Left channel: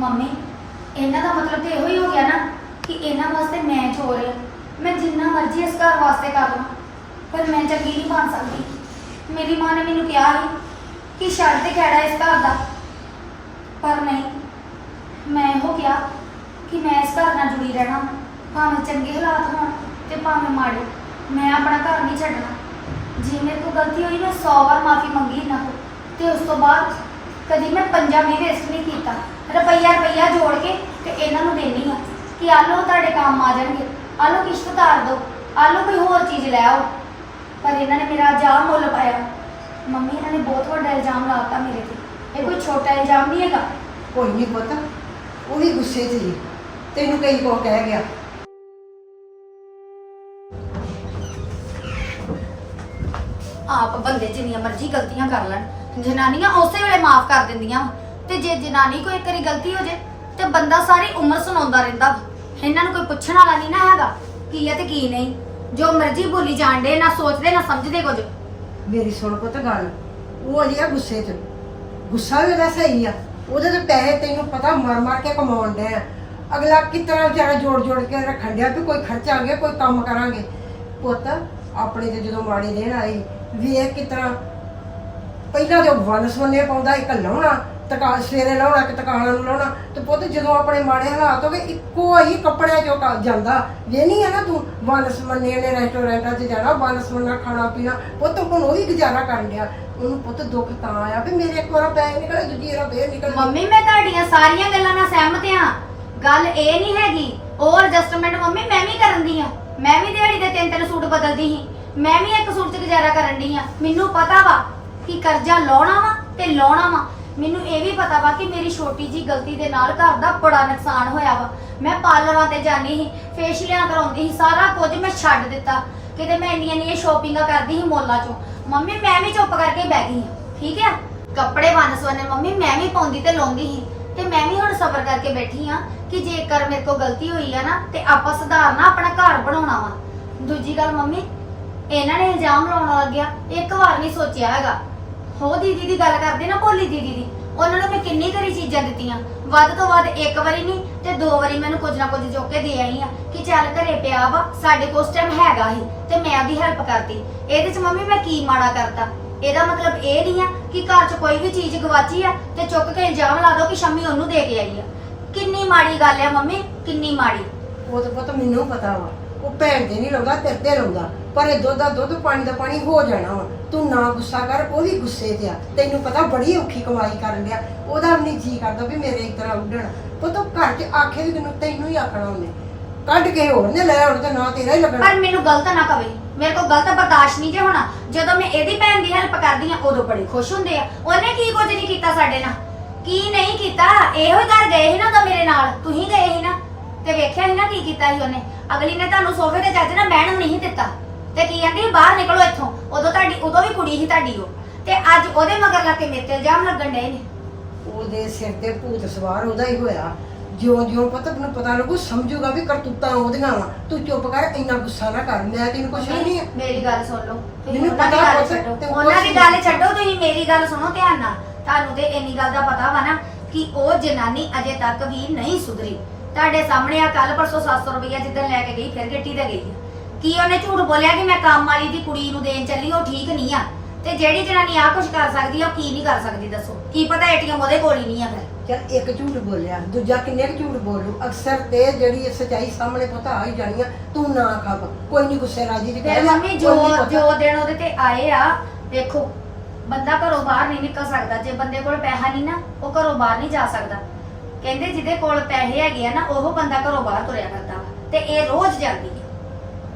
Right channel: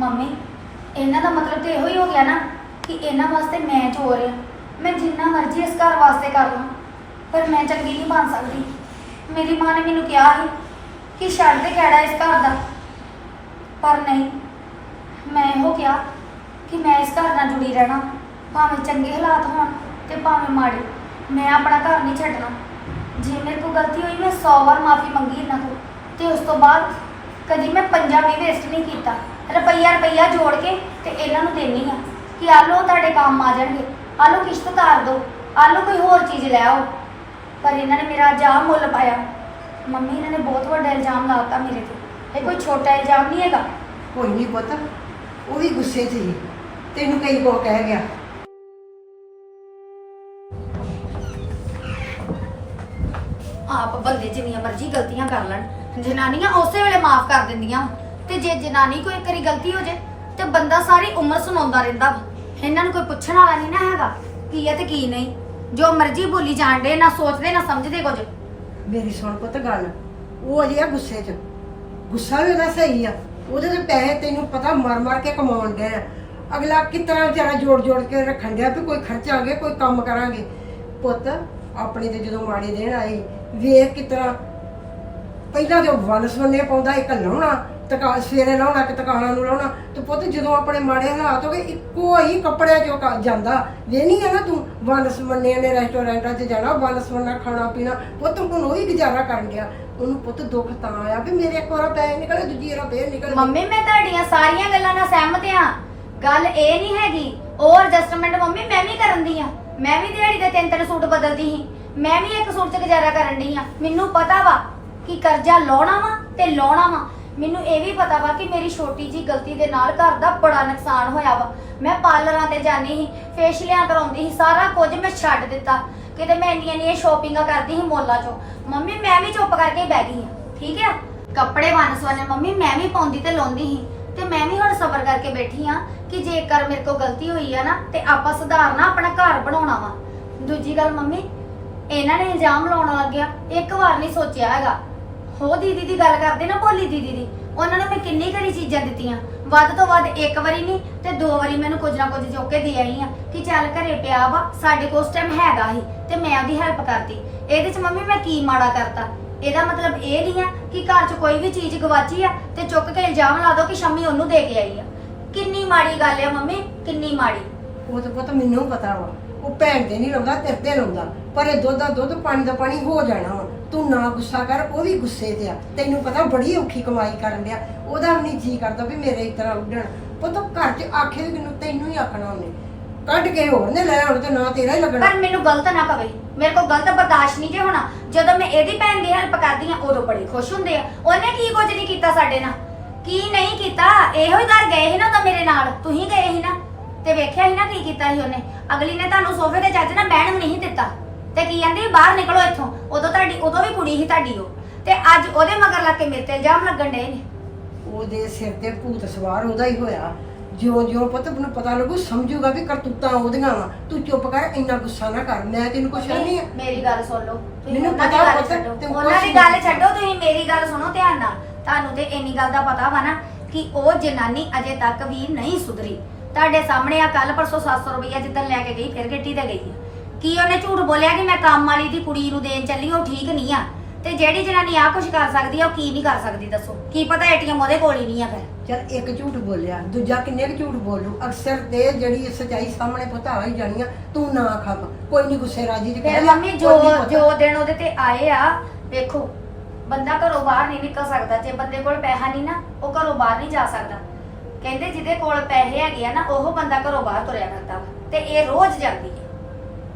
Mummy, ਇਹਨਾਂ ਦਾ ਮਤਲਬ ਤੇ ਇਹੋ ਹੀ ਹੋ ਗਿਆ ਨਾ ਕਿ ਇਹਨਾਂ ਵਾਸਤੇ ਮੈਂ ਚੋਰ ਆ। ਮੈਂ ਜਿੰਨਾ ਮਰਜ਼ੀ ਇਸ ਘਰ ਵਾਸਤੇ ਕਰ ਲਾਂ ਪਰ ਮੈਂ ਚੰਗੀ ਨਹੀਂ ਬਣ ਸਕਦੀ। ਮੇਰੀ ਮਾਂ ਨੇ ਮੈਨੂੰ ਕਿਹਾ ਸੀ ਕਿ ਛੱਡ ਦੇ ਖੈੜਾ ਇਸ ਘਰ ਦਾ। ਪਰ ਨਹੀਂ, ਮੈਂ ਇਹੋ ਕਿਹਾ ਕਿ ਮੈਂ ਇਸ ਘਰ ਨਾਲ ਜੁੜੀ ਰਹਿਣਾ, ਭਾਵੇਂ ਚੰਗੇ ਹਾਲਾਤ ਹੋਣ ਤੇ ਭਾਵੇਂ ਮਾੜੇ, ਮੈਂ ਆਪਣਾ ਘਰ ਨਹੀਂ ਛੱਡਣਾ। ਜੇ ਮੇਰੇ ਕੋਲ ਗਲਤੀ ਹੋਈ, ਮੈਂ 100 ਵਾਰ ਮਾਫੀ ਮੰਗੀ ਇਹਨਾਂ ਕੋਲ, ਤੇ ਉਸ ਤੋਂ ਬਾਅਦ ਕਦੀ ਮੈਂ ਪੰਜਾ ਵੀ ਵੇਸਟ ਨਹੀਂ ਕੀਤਾ। ਰੁਪਈਆ ਰੁਪਈਆ ਜੋੜ ਕੇ ਤੇ ਇਹਨਾਂ ਨੂੰ ਦੇਣੀ ਆ ਕਿ ਆ ਲਓ ਤੁਹਾਡੇ ਕੰਮ ਆ ਜਾਣਗੇ। ਆ ਲਓ ਕਿਸ਼ਤ ਤਾਰ ਦਿਓ। ਆ ਲਓ ਕੋਈ ਹੋਰ ਚੀਜ਼ ਲੈ ਆਓ। ਪਰ ਇਹਨਾਂ ਨੇ ਮੇਰਾ ਜਾਮ ਮੁੱਲ ਪਾਇਆ। ਮੰਮੀ ਇਹਨਾਂ ਨੇ ਬਹੁਤ ਵੱਡਾ ਇਲਜ਼ਾਮ ਲਾਤਾ ਮੇਰੇ ਤੇ। ਇਹ ਕੋਈ ਛੋਟਾ ਇਲਜ਼ਾਮ ਨਹੀਂ ਹੈਗਾ। ਕੋਈ ਨਹੀਂ ਪੁੱਤ ਉਹ ਵੀ ਗੁੱਸੇ 'ਚ ਸੀ ਤੈਨੂੰ ਕਈ ਕੋ ਕਹਿ ਗਿਆ। ਆਪ ਬੰਦੇ ਜਿੰਨੀਆਂ ਮਰਜ਼ੀ ਗਲਤੀਆਂ ਕਰ ਲੈਣ। ਜਨਾਨੀਆਂ ਉਸੇ ਵੇਲੇ ਮਾਫ ਕਰ ਦਿੰਦੀਆਂ ਵਾਂ। ਤੇ ਜੇ ਜਨਾਨੀ ਕੋਈ ਕਰੀ ਗਲਤੀ ਹੋ ਜੇ, ਤੇ ਬੰਦਾ ਸਾਰੀ ਉਮਰ ਸੁਣਾਉਂਦਾ ਰਹਿੰਦਾ ਵਾ। ਇਹਨਾਂ ਨੂੰ ਕੋਈ ਪੁੱਛਣ ਵਾਲਾ ਨਹੀਂ ਨਾ ਹੈਗਾ ਕੀ ਹੈ ਤੇ ਕੀ ਨਹੀਂ। ਜੋ ਮਰਜ਼ੀ ਬੋਲੀ ਜਾਣਦੇ ਨਾ ਸੋਚਦੇ, ਨਾ ਸਮਝਦੇ ਕੁਝ। ਮੇਰੀ ਸੁਣ ਪੁੱਤ ਗੱਲ, ਉਹ ਅਜੇ ਆ ਗੁੱਸੇ 'ਚ। ਗੁੱਸਾ ਵੀ ਉਹਦਾ ਸਹੀ ਆ। ਉਹਦੇ ਤੇ ਪੈਸੇ ਤੈਨੂੰ ਪਤਾ ਮਰ ਮਰ ਕੇ ਕਮਾਉਣ ਦੇ ਆ। ਅਗਲਾ ਕਿਸ ਵਿਚਾਰਾ ਜੋੜ ਜੋੜ ਕੇ ਰੱਖਣ ਡਿਆ ਵੀ ਕੋਈ ਖਰਚਾਂਗੇ ਕੋਈ ਕੰਮ ਕਰਾਂਗੇ। ਪੁੱਤ, ਆਪਣੇ ਤੇ ਜਦੋਂ ਮਾੜੇ ਦਿਨ ਆਏ, ਵੇਖ ਕਿਸ ਤਰ੍ਹਾਂ ਪਹਿਲਾਂ ਤੇ ਵਨ ਸਵੰਨੇ ਪਾਉਂਦਾ, ਇੱਕ ਲਾਉਣਾ। ਤਕਾ ਸਵੇਰੇ ਲਾਉਣਾ ਕਿ ਤਕਾਣਾ ਨੂੰ ਲਾਉਣਾ ਤੇ ਪੁੱਤ ਜਦੋਂ ਆਪਣੇ ਮਾੜੇ ਹਾਲਾਤ ਹੋ ਇੱਕੋ ਹੀ ਕੱਪੜਿਆਂ ਚੋਂ ਕ- ਜਾਂਦਾ। ਵੇਨੀ ਆ ਨਾ ਤੂੰ ਵਨ ਨੇ ਰੈਸਟੋਰੈਂਟਾਂ 'ਚ ਜਾਣਾ ਵਨ ਖਾਣਾ ਪੀਣਾ, ਪੁੱਤ ਹੁਣ ਉਹ ਵੀ ਗੁਜ਼ਾਰਾ ਕਰਨ ਡਿਆ। ਉਹਨੂੰ ਪੁੱਤ ਦੁੱਖ ਤਾਂ ਆਇਆ ਵੀ ਮੇਰੇ ਇੱਕ ਵਾਰ ਪੈਸੇ ਨਿਕਲੇ, ਦੂਜੀ ਵਾਰ ਫੇਰ ਨਿਕਲ। ਗਏ। ਮੰਮੀ, ਮੈਂ ਤੁਹਾਡੀਆਂ ਸਾਰੀਆਂ ਗੱਲਾਂ ਨਾਲ ਸਹਿਮਤ ਆ ਗੱਲ ਇਹ ਨਹੀਂ ਹੈਗੀ, ਉਹ ਐਡਜਸਟਮੈਂਟ ਮੰਮੀ ਮੈਂ ਵੀ ਕਰਨ ਦੀ ਆ ਮੈਂ ਵੀ ਦਿਹਾੜੀ ਦੇ ਤਿੰਨ ਤਿੰਨ ਸੂਟ ਬਦਲਦੀ ਸੀ। ਮੈਂ ਵੀ ਇੱਕ ਸੂਟ 'ਚ ਗੁਜ਼ਾਰਾ ਕਰਨ ਦੀ ਆ ਮੈਨੂੰ ਪਤਾ ਵਾ ਕਿ ਕਰਜ਼ਾ ਲਾਉਣਾ ਵਾ ਤੇ ਲਾਉਣਾ ਵਾ। ਮੈਨੂੰ ਇਹ ਵੀ ਪਤਾ ਵਾ ਕਿ ਮੇਰੀ ਛੋਟੀ ਜੀ ਗਲਤੀ ਦੇ ਨਾਲ ਘਰ ਦਾ ਬੜਾ ਨੁਕਸਾਨ ਹੋਇਆ ਵਾ। ਮੈਂ ਪਾਰਲਰਾਂ ਤੇ ਜਾਣੀ ਸੀ ਫੇਸ਼ੀਅਲਾਂ ਕਰਾਉਂਦੀ ਸੀ, ਸਾਰਾ ਕੁਝ ਮੈਂ ਛੱਡ ਦਿੱਤਾ। ਕਿਤੇ ਮੈਂ ਇੰਨੀਆਂ ਇੰਨੀਆਂ ਸ਼ੋਪਿੰਗਾਂ ਕਰਦੀ ਸੀ ਮੋਲਾਂ 'ਚੋਂ। ਮੰਮੀ, ਮੈਂ ਵੀ ਚੁੱਪ ਕਰਕੇ ਹੀ ਬਹਿ ਗਈ ਹਾਂ, ਠੀਕ ਆ? ਕੱਪੜੇ ਵੰਨ ਸਵੰਨੇ, ਮੰਮੀ, ਮੈਂ ਵੀ ਪਾਉਂਦੀ ਤੇ ਲਾਉਂਦੀ ਸੀ। ਤੇ ਮੈਂ ਵੀ ਹੁਣ ਸਬਰ ਕਰਕੇ ਬੈਠੀ ਆ ਕਿ ਜੇਕਰ ਮੇਰੇ ਕੋਲ ਗਲਤੀ ਹੋਈ ਆ ਨਾ, ਤੇ ਆਪਾਂ ਸੁਧਾਰਨਾ, ਆਪਣਾ ਘਰ ਬਣਾਉਣਾ ਵਾ। ਦੂਜੀ ਗੱਲ, ਮੰਮੀ, ਇਹਨਾਂ ਨੇ ਇਲਜ਼ਾਮ ਲਾਉਣ ਲੱਗਿਆ ਇੱਕ ਵਾਰ ਨਹੀਂ ਸੋਚਿਆ ਹੈਗਾ। ਹੋ ਦੀਦੀ ਦੀ ਗੱਲ ਕਰਦੇ ਨਾ ਭੋਲੀ ਦੀਦੀ ਦੀ। ਉਹਨਾਂ ਨੂੰ ਮੈਂ ਕਿੰਨੀ ਕਰੀ ਚੀਜ਼ਾਂ ਦਿੱਤੀਆਂ। ਵੱਧ ਤੋਂ ਵੱਧ ਇੱਕ ਵਾਰੀ ਨਹੀਂ ਤੇ ਦੋ ਵਾਰੀ ਮੈਨੂੰ ਕੁਝ ਨਾ ਕੁਝ ਚੁੱਕ ਦੇ ਆਈ ਆ ਕਿ ਚੱਲ ਘਰੇ ਪਿਆ ਵਾ, ਸਾਡੇ ਕੋਲ ਉਸ ਟਾਈਮ ਹੈਗਾ ਹੀ ਤੇ ਮੈਂ ਉਹਦੀ ਹੈਲਪ ਕਰਤੀ। ਇਹਦੇ ਚ ਮੰਮੀ ਮੈਂ ਕੀ ਮਾੜਾ ਕਰਤਾ? ਇਹਦਾ ਮਤਲਬ ਇਹ ਨਹੀਂ ਆ ਕਿ ਘਰ 'ਚ ਕੋਈ ਵੀ ਚੀਜ਼ ਗਵਾਚੀ ਆ ਤੇ ਚੁੱਕ ਕੇ ਇਲਜ਼ਾਮ ਲਾ ਦੋ ਕਿ ਸ਼ੰਮੀ ਉਹਨੂੰ ਦੇ ਕੇ ਆਈ ਆ। ਕਿੰਨੀ ਮਾੜੀ ਗੱਲ ਆ ਮੰਮੀ, ਕਿੰਨੀ ਮਾੜੀ। ਉਹ ਤਾਂ ਪੁੱਤ ਮੈਨੂੰ ਪਤਾ ਵਾ। ਉਹ ਭੈਣ ਦੇ ਨਹੀਂ ਲਾਉਂਦਾ ਤੇਰੇ ਤੇ ਲਾਉਂਦਾ ਪਰ ਇਹ ਦੁੱਧ ਦਾ ਦੁੱਧ ਪਾਣੀ ਦਾ ਪਾਣੀ ਹੋ ਜਾਣਾ ਵਾ। ਤੂੰ ਨਾ ਗੁੱਸਾ ਕਰ, ਉਹ ਵੀ ਗੁੱਸੇ ਤੇ ਆ। ਤੈਨੂੰ ਪਤਾ ਬੜੀ ਔਖੀ ਕਮਾਈ ਕਰਨ ਡਿਆ। ਉਹਦਾ ਨਹੀਂ ਜੀ ਕਰਦਾ ਵੀ ਮੇਰੇ ਇਸ ਤਰ੍ਹਾਂ ਉੱਡਣ। ਪੁੱਤ ਘਰ 'ਚ ਆਖੇ ਵੀ ਤੈਨੂੰ ਤੈਨੂੰ ਹੀ ਆਖਣਾ ਉਹਨੇ। ਕੱਢ ਕੇ ਹੋਰ ਨੇ ਲੈ ਆਉਣ ਤੇ ਨਾ ਤੇਰਾ ਹੀ ਲੱਗਣਾ। ਪਰ ਮੈਨੂੰ ਗਲਤ ਨਾ ਕਵੇ। ਮੇਰੇ ਕੋਲ ਗਲਤ ਬਰਦਾਸ਼ਤ ਨਹੀਂ ਜੇ ਹੋਣਾ। ਜਦੋਂ ਮੈਂ ਇਹਦੀ ਭੈਣ ਦੀ ਹੈਲਪ ਕਰਦੀ ਆ ਉਦੋਂ ਬੜੇ ਖੁਸ਼ ਹੁੰਦੇ ਆ। ਉਹਨੇ ਕੀ ਕੁਝ ਨਹੀਂ ਕੀਤਾ ਸਾਡੇ ਨਾਲ? ਕੀ ਨਹੀਂ ਕੀਤਾ? ਇਹੋ ਹੀ ਘਰ ਗਏ ਸੀ ਨਾ ਤਾਂ ਮੇਰੇ ਨਾਲ। ਤੁਸੀਂ ਗਏ ਸੀ ਨਾ। ਤੇ ਵੇਖਿਆ ਸੀ ਨਾ ਕੀ ਕੀਤਾ ਸੀ ਉਹਨੇ। ਅਗਲੀ ਨੇ ਤੁਹਾਨੂੰ ਸੋਫੇ ਤੇ ਚੱਜ ਨਾਲ ਬਹਿਣ ਨੂੰ ਨਹੀਂ ਦਿੱਤਾ। ਤੇ ਕੀ ਕਹਿੰਦੀ ਬਾਹਰ ਨਿਕਲੋ ਇੱਥੋਂ। ਉਦੋਂ ਤੁਹਾਡੀ ਉਦੋਂ ਵੀ ਕੁੜੀ ਸੀ ਤੁਹਾਡੀ ਉਹ। ਤੇ ਅੱਜ ਉਹਦੇ ਮਗਰ ਲੱਗ ਕੇ ਮੇਰੇ ਤੇ ਇਲਜ਼ਾਮ ਲੱਗਣ ਡਏ ਨੇ। ਉਹਦੇ ਸਿਰ ਤੇ ਭੂਤ ਸਵਾਰ ਉਹਦਾ ਹੀ ਹੋਇਆ। ਜਿਉਂ ਜਿਉਂ ਪੁੱਤ ਨੂੰ ਪਤਾ ਲੱਗੂ ਸਮਝੂਗਾ ਵੀ ਕਰਤੂਤਾਂ ਉਹਦੀਆਂ ਵਾ। ਤੂੰ ਚੁੱਪ ਕਰ ਇੰਨਾ ਗੁੱਸਾ ਨਾ ਕਰ। ਮੈਂ ਤੈਨੂੰ ਕੁਛ ਨਹੀਂ ਆ। ਮੇਰੀ ਗੱਲ ਸੁਣ ਲਓ। ਤੁਸੀਂ ਮੈਨੂੰ ਉਹਨਾਂ ਦੀ ਪਤਾ ਗੱਲ ਪੁੱਤ, ਛੱਡੋ। ਤੇ ਉਹਨਾਂ ਦੀ ਗੱਲ। ਛੱਡੋ ਤੁਸੀਂ ਮੇਰੀ ਗੱਲ ਸੁਣੋ ਧਿਆਨ ਨਾਲ। ਤੁਹਾਨੂੰ ਤੇ ਇੰਨੀ ਗੱਲ ਦਾ ਪਤਾ ਵਾ ਨਾ ਕਿ ਉਹ ਜਨਾਨੀ ਅਜੇ ਤੱਕ ਵੀ ਨਹੀਂ ਸੁਧਰੀ। ਤੁਹਾਡੇ ਸਾਹਮਣੇ ਆ ਕੱਲ ਪਰਸੋਂ 700 ਰੁਪਇਆ ਜਿੱਦਣ ਲੈ ਕੇ ਗਈ ਫਿਰ ਗੱਟੀ ਤੇ ਗਈ ਆ। ਕੀ ਉਹਨੇ ਝੂਠ ਬੋਲਿਆ ਕਿ ਮੈਂ ਕੰਮ ਵਾਲੀ ਦੀ ਕੁੜੀ ਨੂੰ ਦੇਣ ਚੱਲੀ ਉਹ ਠੀਕ ਨਹੀਂ ਆ। ਤੇ ਜਿਹੜੀ ਜਨਾਨੀ ਆ ਕੁਝ ਕਰ ਸਕਦੀ ਆ ਉਹ ਕੀ ਨਹੀਂ ਕਰ ਸਕਦੀ ਦੱਸੋ। ਕੀ ਪਤਾ ਏਟੀਐਮ ਉਹਦੇ ਕੋਲ ਹੀ ਨਹੀਂ ਆ ਫਿਰ। ਚਲ ਇੱਕ ਝੂਠ ਬੋਲਿਆ ਦੂਜਾ ਕਿੰਨੇ ਕੁ ਝੂਠ ਬੋਲੂ? ਅਕਸਰ ਤੇ ਜਿਹੜੀ ਸਚਾਈ ਸਾਹਮਣੇ ਪਤਾ ਆ ਹੀ ਜਾਣੀ ਆ ਤੂੰ ਨਾ ਖੱਪ ਕੋਈ ਨਹੀਂ ਗੁੱਸੇ ਰਾਜੀ ਦੀ ਫਿਰ ਮੰਮੀ ਜੋ ਜੋ ਦਿਨ ਉਹਦੇ ਤੇ ਆਏ ਆ ਵੇਖੋ ਬੰਦਾ ਘਰੋਂ ਬਾਹਰ ਨਹੀਂ ਨਿਕਲ ਸਕਦਾ। ਜੇ ਬੰਦੇ ਕੋਲ ਪੈਸਾ ਨਹੀਂ ਨਾ ਉਹ ਘਰੋਂ ਬਾਹਰ ਨਹੀਂ ਜਾ ਸਕਦਾ। ਕਹਿੰਦੇ ਜਿਹਦੇ ਕੋਲ ਪੈਸੇ ਹੈਗੇ ਆ ਨਾ ਉਹ ਬੰਦਾ ਘਰੋਂ ਬਾਹਰ ਤੁਰਿਆ ਕਰਦਾ ਵਾ। ਤੇ ਇਹ ਰੋਜ਼ ਜਾਂਦੀ ਹੈ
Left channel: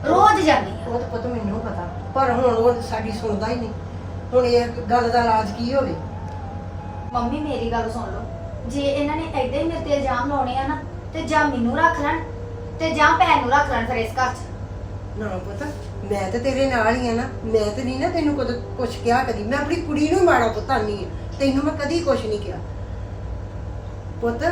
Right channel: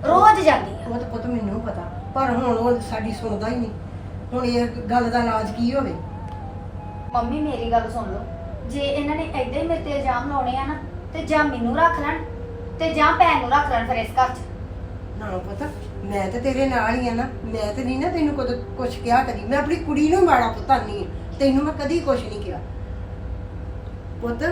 ਰੋਜ਼ ਜਾਂਦੀ ਹੈ ਉਹ ਤਾਂ ਪੁੱਤ ਮੈਨੂੰ ਪਤਾ ਪਰ ਹੁਣ ਉਹ ਸਾਡੀ ਸੁਣਦਾ ਹੀ ਨਹੀਂ। ਹੁਣ ਇਹ ਗੱਲ ਦਾ ਇਲਾਜ ਕੀ ਹੋਵੇ? ਮੰਮੀ ਮੇਰੀ ਗੱਲ ਸੁਣ ਲਓ। ਜੇ ਇਹਨਾਂ ਨੇ ਐਡੇ ਹੀ ਮੇਰੇ ਤੇ ਇਲਜ਼ਾਮ ਲਾਉਣੇ ਆ ਨਾ ਤੇ ਜਾਂ ਮੈਨੂੰ ਰੱਖ ਲੈਣ ਤੇ ਜਾਂ ਭੈਣ ਨੂੰ ਰੱਖ ਲੈਣ ਫਿਰ ਇਸ ਘਰ 'ਚ। ਨਾ ਪਤਾ ਮੈਂ ਤੇ ਤੇਰੇ ਨਾਲ ਹੀ ਆ ਨਾ। ਮੈਂ ਤੇ ਨਹੀਂ ਨਾ ਤੈਨੂੰ ਕਦੇ ਕੁਝ ਕਿਹਾ ਕਦੀ। ਮੈਂ ਆਪਣੀ ਕੁੜੀ ਨੂੰ ਮਾੜਾ ਪੁੱਤਾਂ ਨਹੀਂ ਤੈਨੂੰ ਮੈਂ ਕਦੀ ਕੁਝ ਨਹੀਂ ਕਿਹਾ। ਪੁੱਤ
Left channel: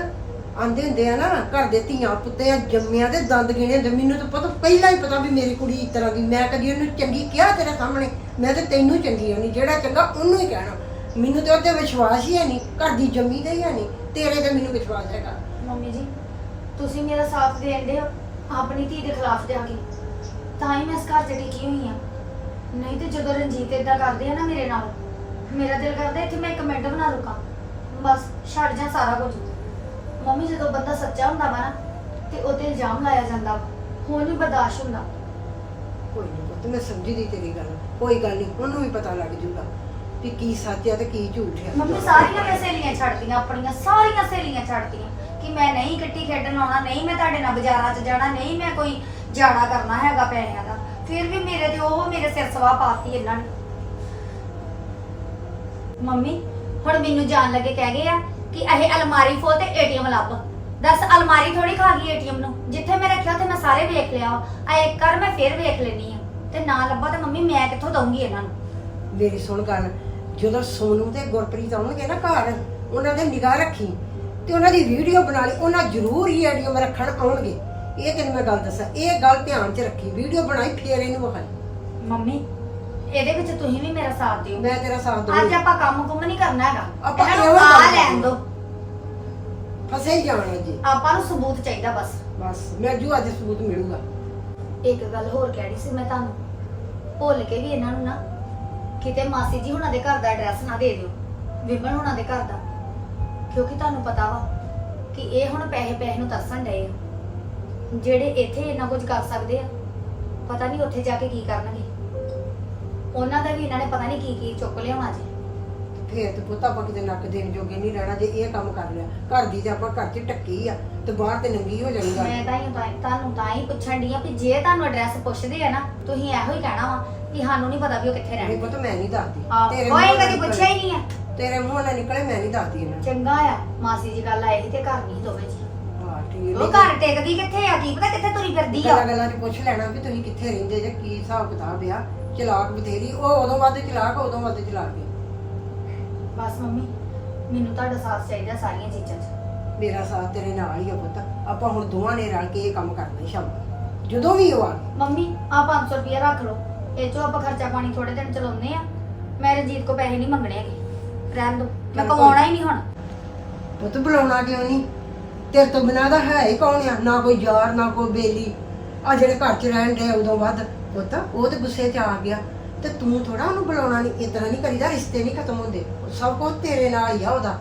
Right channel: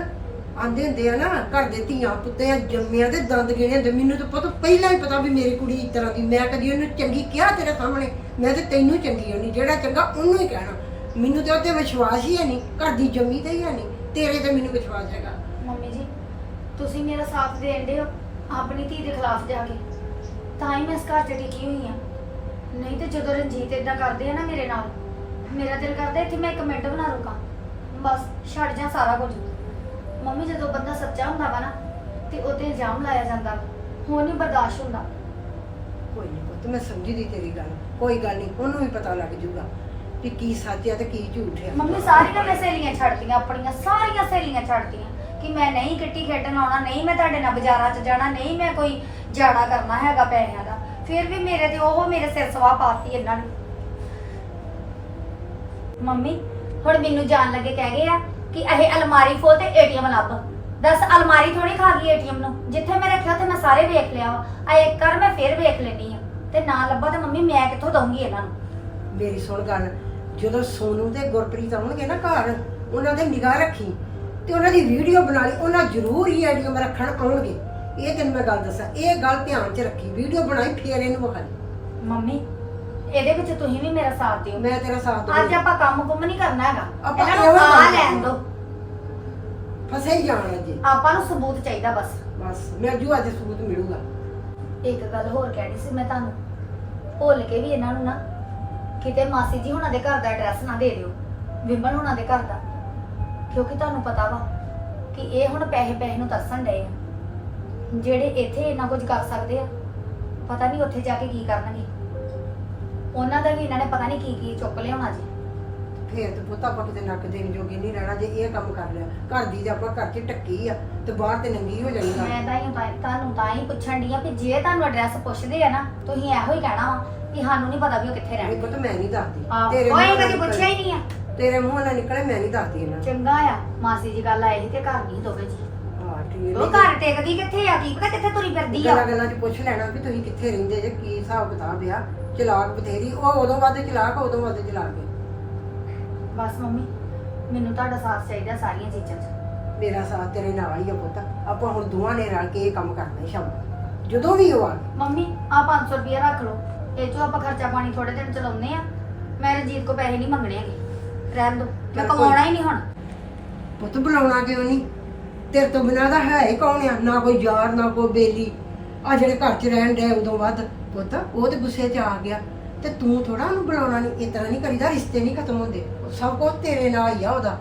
ਆਂਦੇ ਹੁੰਦੇ ਆ ਨਾ, ਘਰ ਦੇ ਧੀਆਂ ਪੁੱਤਿਆਂ ਜੰਮਿਆਂ ਦੇ ਦੰਦ ਗਿਣੇ ਹੁੰਦੇ ਮੈਨੂੰ ਤਾਂ ਪਤਾ, ਪਹਿਲਾਂ ਹੀ ਪਤਾ ਵੀ ਮੇਰੀ ਕੁੜੀ ਇਸ ਤਰ੍ਹਾਂ ਦੀ। ਮੈਂ ਕਦੀ ਉਹਨੂੰ ਚੰਗੀ ਕਿਹਾ ਤੇਰੇ ਸਾਹਮਣੇ? ਮੈਂ ਤੇ ਤੈਨੂੰ ਚੰਗੀ ਹੋਣੀ ਜਿਹੜਾ ਚੰਗਾ ਉਹਨੂੰ ਹੀ ਕਹਿਣਾ। ਮੈਨੂੰ ਤੇ ਉਹਤੇ ਵਿਸ਼ਵਾਸ ਹੀ ਹੈ ਨਹੀਂ, ਘਰ ਦੀ ਜੰਮੀ ਤੇ ਹੀ ਹੈ ਨਹੀਂ। ਤੇਰੇ ਤੇ ਮੈਨੂੰ ਵਿਸ਼ਵਾਸ ਹੈਗਾ। ਮੰਮੀ ਜੀ, ਤੁਸੀਂ ਮੇਰਾ ਸਾਥ ਦੇਂਦੇ ਹੋ, ਆਪਣੀ ਧੀ ਦੇ ਖਿਲਾਫ ਜਾ ਕੇ। ਤਾਂ ਹੀ ਮੈਂ ਇਸ ਘਰ 'ਚ ਟਿਕੀ ਹੋਈ ਆ ਨਹੀਂ ਤੇ ਜਦੋਂ ਰਣਜੀਤ ਇਦਾਂ ਕਰਦੇ ਆ ਨਾ ਮੇਰੇ ਨਾਲ, ਮੇਰਾ ਦਿਲ ਕਰਦਾ ਇੱਥੇ ਮੈਂ ਇੱਕ ਮਿੰਟ ਬਣਾ ਰੁਕਾਂ ਬਸ, ਛੱਡ ਜਾ ਸਾਰਾ ਕੁਝ। ਮੰਮੀ ਜਦੋਂ ਬੰਦਾ ਸੱਚਾ ਹੁੰਦਾ ਵਾ ਨਾ ਤੇ ਉਹਤੇ ਇਲਜ਼ਾਮ ਲਾਇਆ ਜਾਂਦਾ ਵਾ। ਹੁਣ ਨਹੀਂ ਬਰਦਾਸ਼ਤ ਹੁੰਦਾ। ਕੋਈ ਨਹੀਂ ਪੁੱਤ ਮੈਂ ਸਮਝੀ ਦੀ ਤੇਰੀ ਗੱਲ। ਕੋਈ ਗੱਲ ਨਹੀਂ ਉਹਨੂੰ ਵੀ ਪਤਾ ਲੱਗ ਜੂਗਾ ਕਿ ਕੀ ਸੱਚ ਹੈ ਤੇ ਕੀ ਝੂਠ ਹੈ ਮੰਮੀ ਸਾਰੀਆਂ ਮੈਂ ਸਹੇਲੀਆਂ ਛੱਡਤੀਆਂ ਆਪਣੀਆਂ ਸਾਰੀਆਂ ਸਹੇਲੀਆਂ ਛੱਡਤੀਆਂ ਕਿ ਮੈਂ ਨਹੀਂ ਕਿੱਟੀ ਖੇਡਣ ਆਉਣਾ ਨਹੀਂ ਮੈਂ ਤੁਹਾਡੇ ਨਾਲ ਬਾਜ਼ਾਰਾਂ 'ਚ ਜਾਣਾ ਨਹੀਂ ਮੈਂ ਕੋਈ ਜਾੜਾ ਕਰਨਾ ਹੈਗਾ ਪੈਸਿਆਂ ਦਾ। ਫਿਰ ਵੀ ਮੇਰੇ ਤੇ ਉਹ ਮੇਰੇ ਸਿਰ ਸਵਾ ਪਾਤੀ ਇਹਨਾਂ ਨੇ। ਮੰਮੀ ਹੁਣ ਮੈਨੂੰ ਜਾਣ ਲੱਗੇ ਕਹਿ ਗਏ ਆ ਕਿ ਇਹ ਅਲਮਾਰੀ ਖੋਲ ਤੇ ਏਟੀਐਮ ਲੱਭ ਦੱਸ ਅਲਮਾਰੀ ਥੋੜੀ ਖਾ ਗਈ ਏਟੀਐਮ ਨੂੰ। ਜਿੱਥੇ ਮੈਂ ਰੱਖਿਆ ਉੱਥੇ ਮੈਂ ਸਾਰੇ ਵੇਖ ਲਿਆ ਆ ਇੱਕ ਕਰ ਮੈਂ ਫਿਰ ਵੇਖ ਲੈਣੀ ਆ ਤੇ ਨਾ ਲੱਭਾ ਤੇ ਮੰਮੀ ਮੈਂ ਕਿੱਥੋਂ ਦਊਂਗੀ ਇਹਨਾਂ ਨੂੰ? ਮੇਰੀ ਸੁਣ ਗੱਲ। ਜਦੋਂ ਸੋਨੂ ਤੇ ਗੁਰਪ੍ਰੀਤ ਆਉਣਗੇ ਨਾ ਘਰ ਉਹਨਾਂ ਦੇ ਨਿਗਾਹ ਰੱਖੀ ਤੇ ਉਹਨਾਂ ਦੀ ਵੀਡੀਓ ਬਣਾ ਲਈ ਉਹਨਾਂ ਜ਼ਰੂਰ ਹੀ ਆਈਡੀਆਂ ਰੱਖਣ ਆਉਣਗੇ। ਇਹ ਤੈਨੂੰ ਮੈਂ ਗੱਲ ਦੱਸਾਂ ਇਹ ਗੱਲ ਧਿਆਨ 'ਚ ਰੱਖੀ। ਵੀਡੀਓ ਬਣਾਈ ਫੇਰ ਇਹਨੂੰ ਵਿਖਾਈ। ਮੰਮੀ ਇਹਦੇ ਵਿੱਚ ਤੁਸੀਂ ਵੀ ਮੇਰਾ ਸਾਥ ਦਿਓ। ਮੈਂ ਤੇਰਾ ਸਾਥ ਅੱਜ ਦਊਂਗੀ ਆਪਾਂ ਕੰਮ ਕੁੰਮ ਨਹੀਂ ਕਰਨਾ ਹੈਗਾ। ਆਪਾਂ ਇਹਨਾਂ ਇਹੋ ਨੂੰ ਆ ਕੰਮ ਲੈਣ। ਦਿਓ। ਫਸੇ ਹੀ ਜਾਣਾ ਜੀ। ਆਪਾਂ ਨੂੰ ਸਬੂਤ ਚਾਹੀਦਾ ਬਸ। ਬਸ ਮੈਂ ਜੂ ਅੱਜ ਸਬੂਤ ਮਿਲੂਗਾ। ਇੱਕ ਗੱਲ ਹੋਰ ਕਹਿਣੀ ਸੀ ਮੈਂ ਤੁਹਾਨੂੰ। ਭੁੱਲ ਕੇ ਵੀ ਇਹਨਾਂ ਨੂੰ ਨਾ ਕਿਤੇ ਮਾਸੀ ਜੀ ਹੁਣਾਂ ਦੇ ਘਰ ਦਾ ਐਡਰੈਸ ਨਾ ਦੇ ਦਿਓ। ਵਿਮਲ ਹੁਣਾਂ ਦੇ ਘਰ ਦਾ। ਕਿਉਂਕਿ ਤੁਹਾਨੂੰ ਪਤਾ ਵਾ ਕਿ ਇਹ ਹੁਣ ਪੈਸੇ ਪੈਸੇ ਨੂੰ ਤਰਸਣ ਡਏ ਆ। ਜਿਹੜੇ ਇੱਥੇ ਇੰਨਾ ਕੁਝ ਕਰ ਸਕਦੇ ਆ ਪਤਾ ਨਹੀਂ ਉੱਥੇ ਜਾ ਕੇ ਕੀ ਕਰਨਗੇ। ਉਹਨਾਂ ਦਾ ਵੀ ਇਹਨਾਂ ਨੇ ਪਤਾ ਨਹੀਂ ਕੀ ਕੀ ਚੁੱਕ ਲਿਆਉਣਾ ਜੀ। ਫੇਰ ਤੇ ਪੁੱਤ ਆਪਾਂ ਕਿਤੇ ਨੱਕ ਦੇਣ ਜੋਗੇ ਨਹੀਂ ਰਹਿਣਾ ਜੇ ਇਹ ਕੰਮ ਕਰ ਲਿਆ। ਘਰ ਦੀ ਤੇ ਆਪਾਂ ਘਰ 'ਚ ਟੱਕੀ ਆ ਤੇ ਬਾਹਰ ਤੇ ਨੰਗੀ ਹੋ ਜਾਣੀ ਗੱਲ। ਮੈਂ ਤਾਂ ਹੀ ਤਾਂ- ਤੁਹਾਨੂੰ ਤਾਂ ਹੀ ਪੁੱਛਣ ਦੀ ਆ ਕਿ ਜੇ ਤੁਹਾਨੂੰ ਐਡਰੈਸ ਪੁੱਛਦੇ ਆ ਨਾ ਤੁਸੀਂ ਇਹੋ ਹੀ ਕਹਿਣਾ ਵਾ ਕਿ ਸਾਨੂੰ ਨਹੀਂ ਪਤਾ ਵੀ ਉਹ ਕਿੱਥੇ ਨਹੀਂ ਰਹਿੰਦੇ ਪੁੱਤ ਮੈਂ ਨਹੀਂ ਦੱਸਦੀ। ਆਹ ਤੇਰੇ ਕੋਈ ਕਦੀ ਪੁੱਛਿਆ ਹੀ ਨਹੀਂ ਆ। ਨਿਕਲੇ- ਤੇਰੇ ਮੂੰਹ ਨਾਲ ਨਿਕਲੇ ਮੈਂ ਨਹੀਂ ਦੱਸਦੀ ਇਹਨਾਂ ਨੂੰ। ਚੰਗਾ ਆ ਮਾਸੀ ਜੀ ਗੱਲ ਆਏ ਸੀ ਤੇ ਘਰ ਨਹੀਂ ਦੋਵੇਂ ਜੀ। ਹਾਂ ਠੀਕ ਉਹ ਘਰ ਟਿਕਦੀ ਕਿੱਥੇ ਆ? ਕੀ ਪਤਾ ਕਿੱਥੇ ਤੁਰੀ ਫਿਰਦੀ ਆ। ਗੱਲਾਂ ਗੱਲਾਂ 'ਚ ਪੁੱਛ ਲੈਣਾ ਵੀ ਤੁਸੀਂ ਕਿੱਥੇ ਰਹਿੰਦੇ ਜੇ ਕੀ ਹਿਸਾਬ ਕਿਤਾਬ ਆ? ਚਲਾਕ ਬਥੇਰੀ ਉਹ ਉਦੋਂ ਵੱਧ ਚਲਾਕ ਉਦੋਂ ਵੱਧ ਚਲਾਕ। ਹੈ ਬਸ ਮੰਮੀ ਮੈਨੂੰ ਤੁਹਾਡਾ ਸਾਥ ਚਾਹੀਦਾ ਸਾਰੀਆਂ ਚੀਜ਼ਾਂ 'ਚ। ਮੇਰਾ ਸਾਥ ਤੇਰੇ ਨਾਲ ਹੀ ਆ ਪੁੱਤ। ਆਪਾਂ ਹੁਣ ਦੋਵਾਂ ਨੇ ਰਲ ਕੇ ਇਹ ਕੰਮ ਕਰਨਾ ਹੈ ਸ਼ਾਮ ਨੂੰ। ਜਦੋਂ ਵੀ ਉਹ ਆ ਮੰਮੀ ਆ 500 ਰੁਪਇਆ ਰੱਖ ਲਓ। ਇਹ ਚੋਂ ਆਪਾਂ ਖਰਚਾ ਪਾਣੀ ਥੋੜੇ ਦਿਨ ਚਲਾਉਂਦੇ ਆ। ਮੈਂ ਰਣਜੀਤ ਕੋ ਪੈਸੇ ਨਹੀਂ ਮੰਗਣੇ ਹੈਗੇ। ਰਹਿਣ ਦੋ। ਮੈਂ ਕਮਾਉਣਾ ਹੀ ਨਹੀਂ ਹੁਣ। ਪੁੱਤ ਬੁਲਾਉਣਾ ਕਿਉਂ ਨਹੀਂ ਤੇਰੇ ਤੋਂ ਬਿਨਾਂ ਦਾ ਹੈ ਹੀ ਕੌਣ ਆ? ਨਾ ਕੋਈ ਯਾਰ ਨਾ ਕੋਈ ਬੇਲੀ। ਆ ਜਿਹੜੇ ਘਰ 'ਚ ਰਹਿਣ ਦੇ ਉਦੋਂ ਵੱਧ। ਪੁੱਤ, ਉਹ ਤੇ ਗੁੱਸੇ 'ਚ ਆ ਗਿਆ। ਤੇ ਤੂੰ ਥੋੜਾ ਉਹਨੂੰ ਬੁਲਾਉਣਾ ਨਹੀਂ ਇਤਨਾ ਨਹੀਂ ਕਰੀਦਾ, ਰਿਸ਼ਤੇ ਨਹੀਂ ਖਤਮ ਹੁੰਦੇ। ਸਭ ਕੁਝ ਤੇਰੇ ਨਾਲ ਹੀ ਆ ਉਹਦਾ।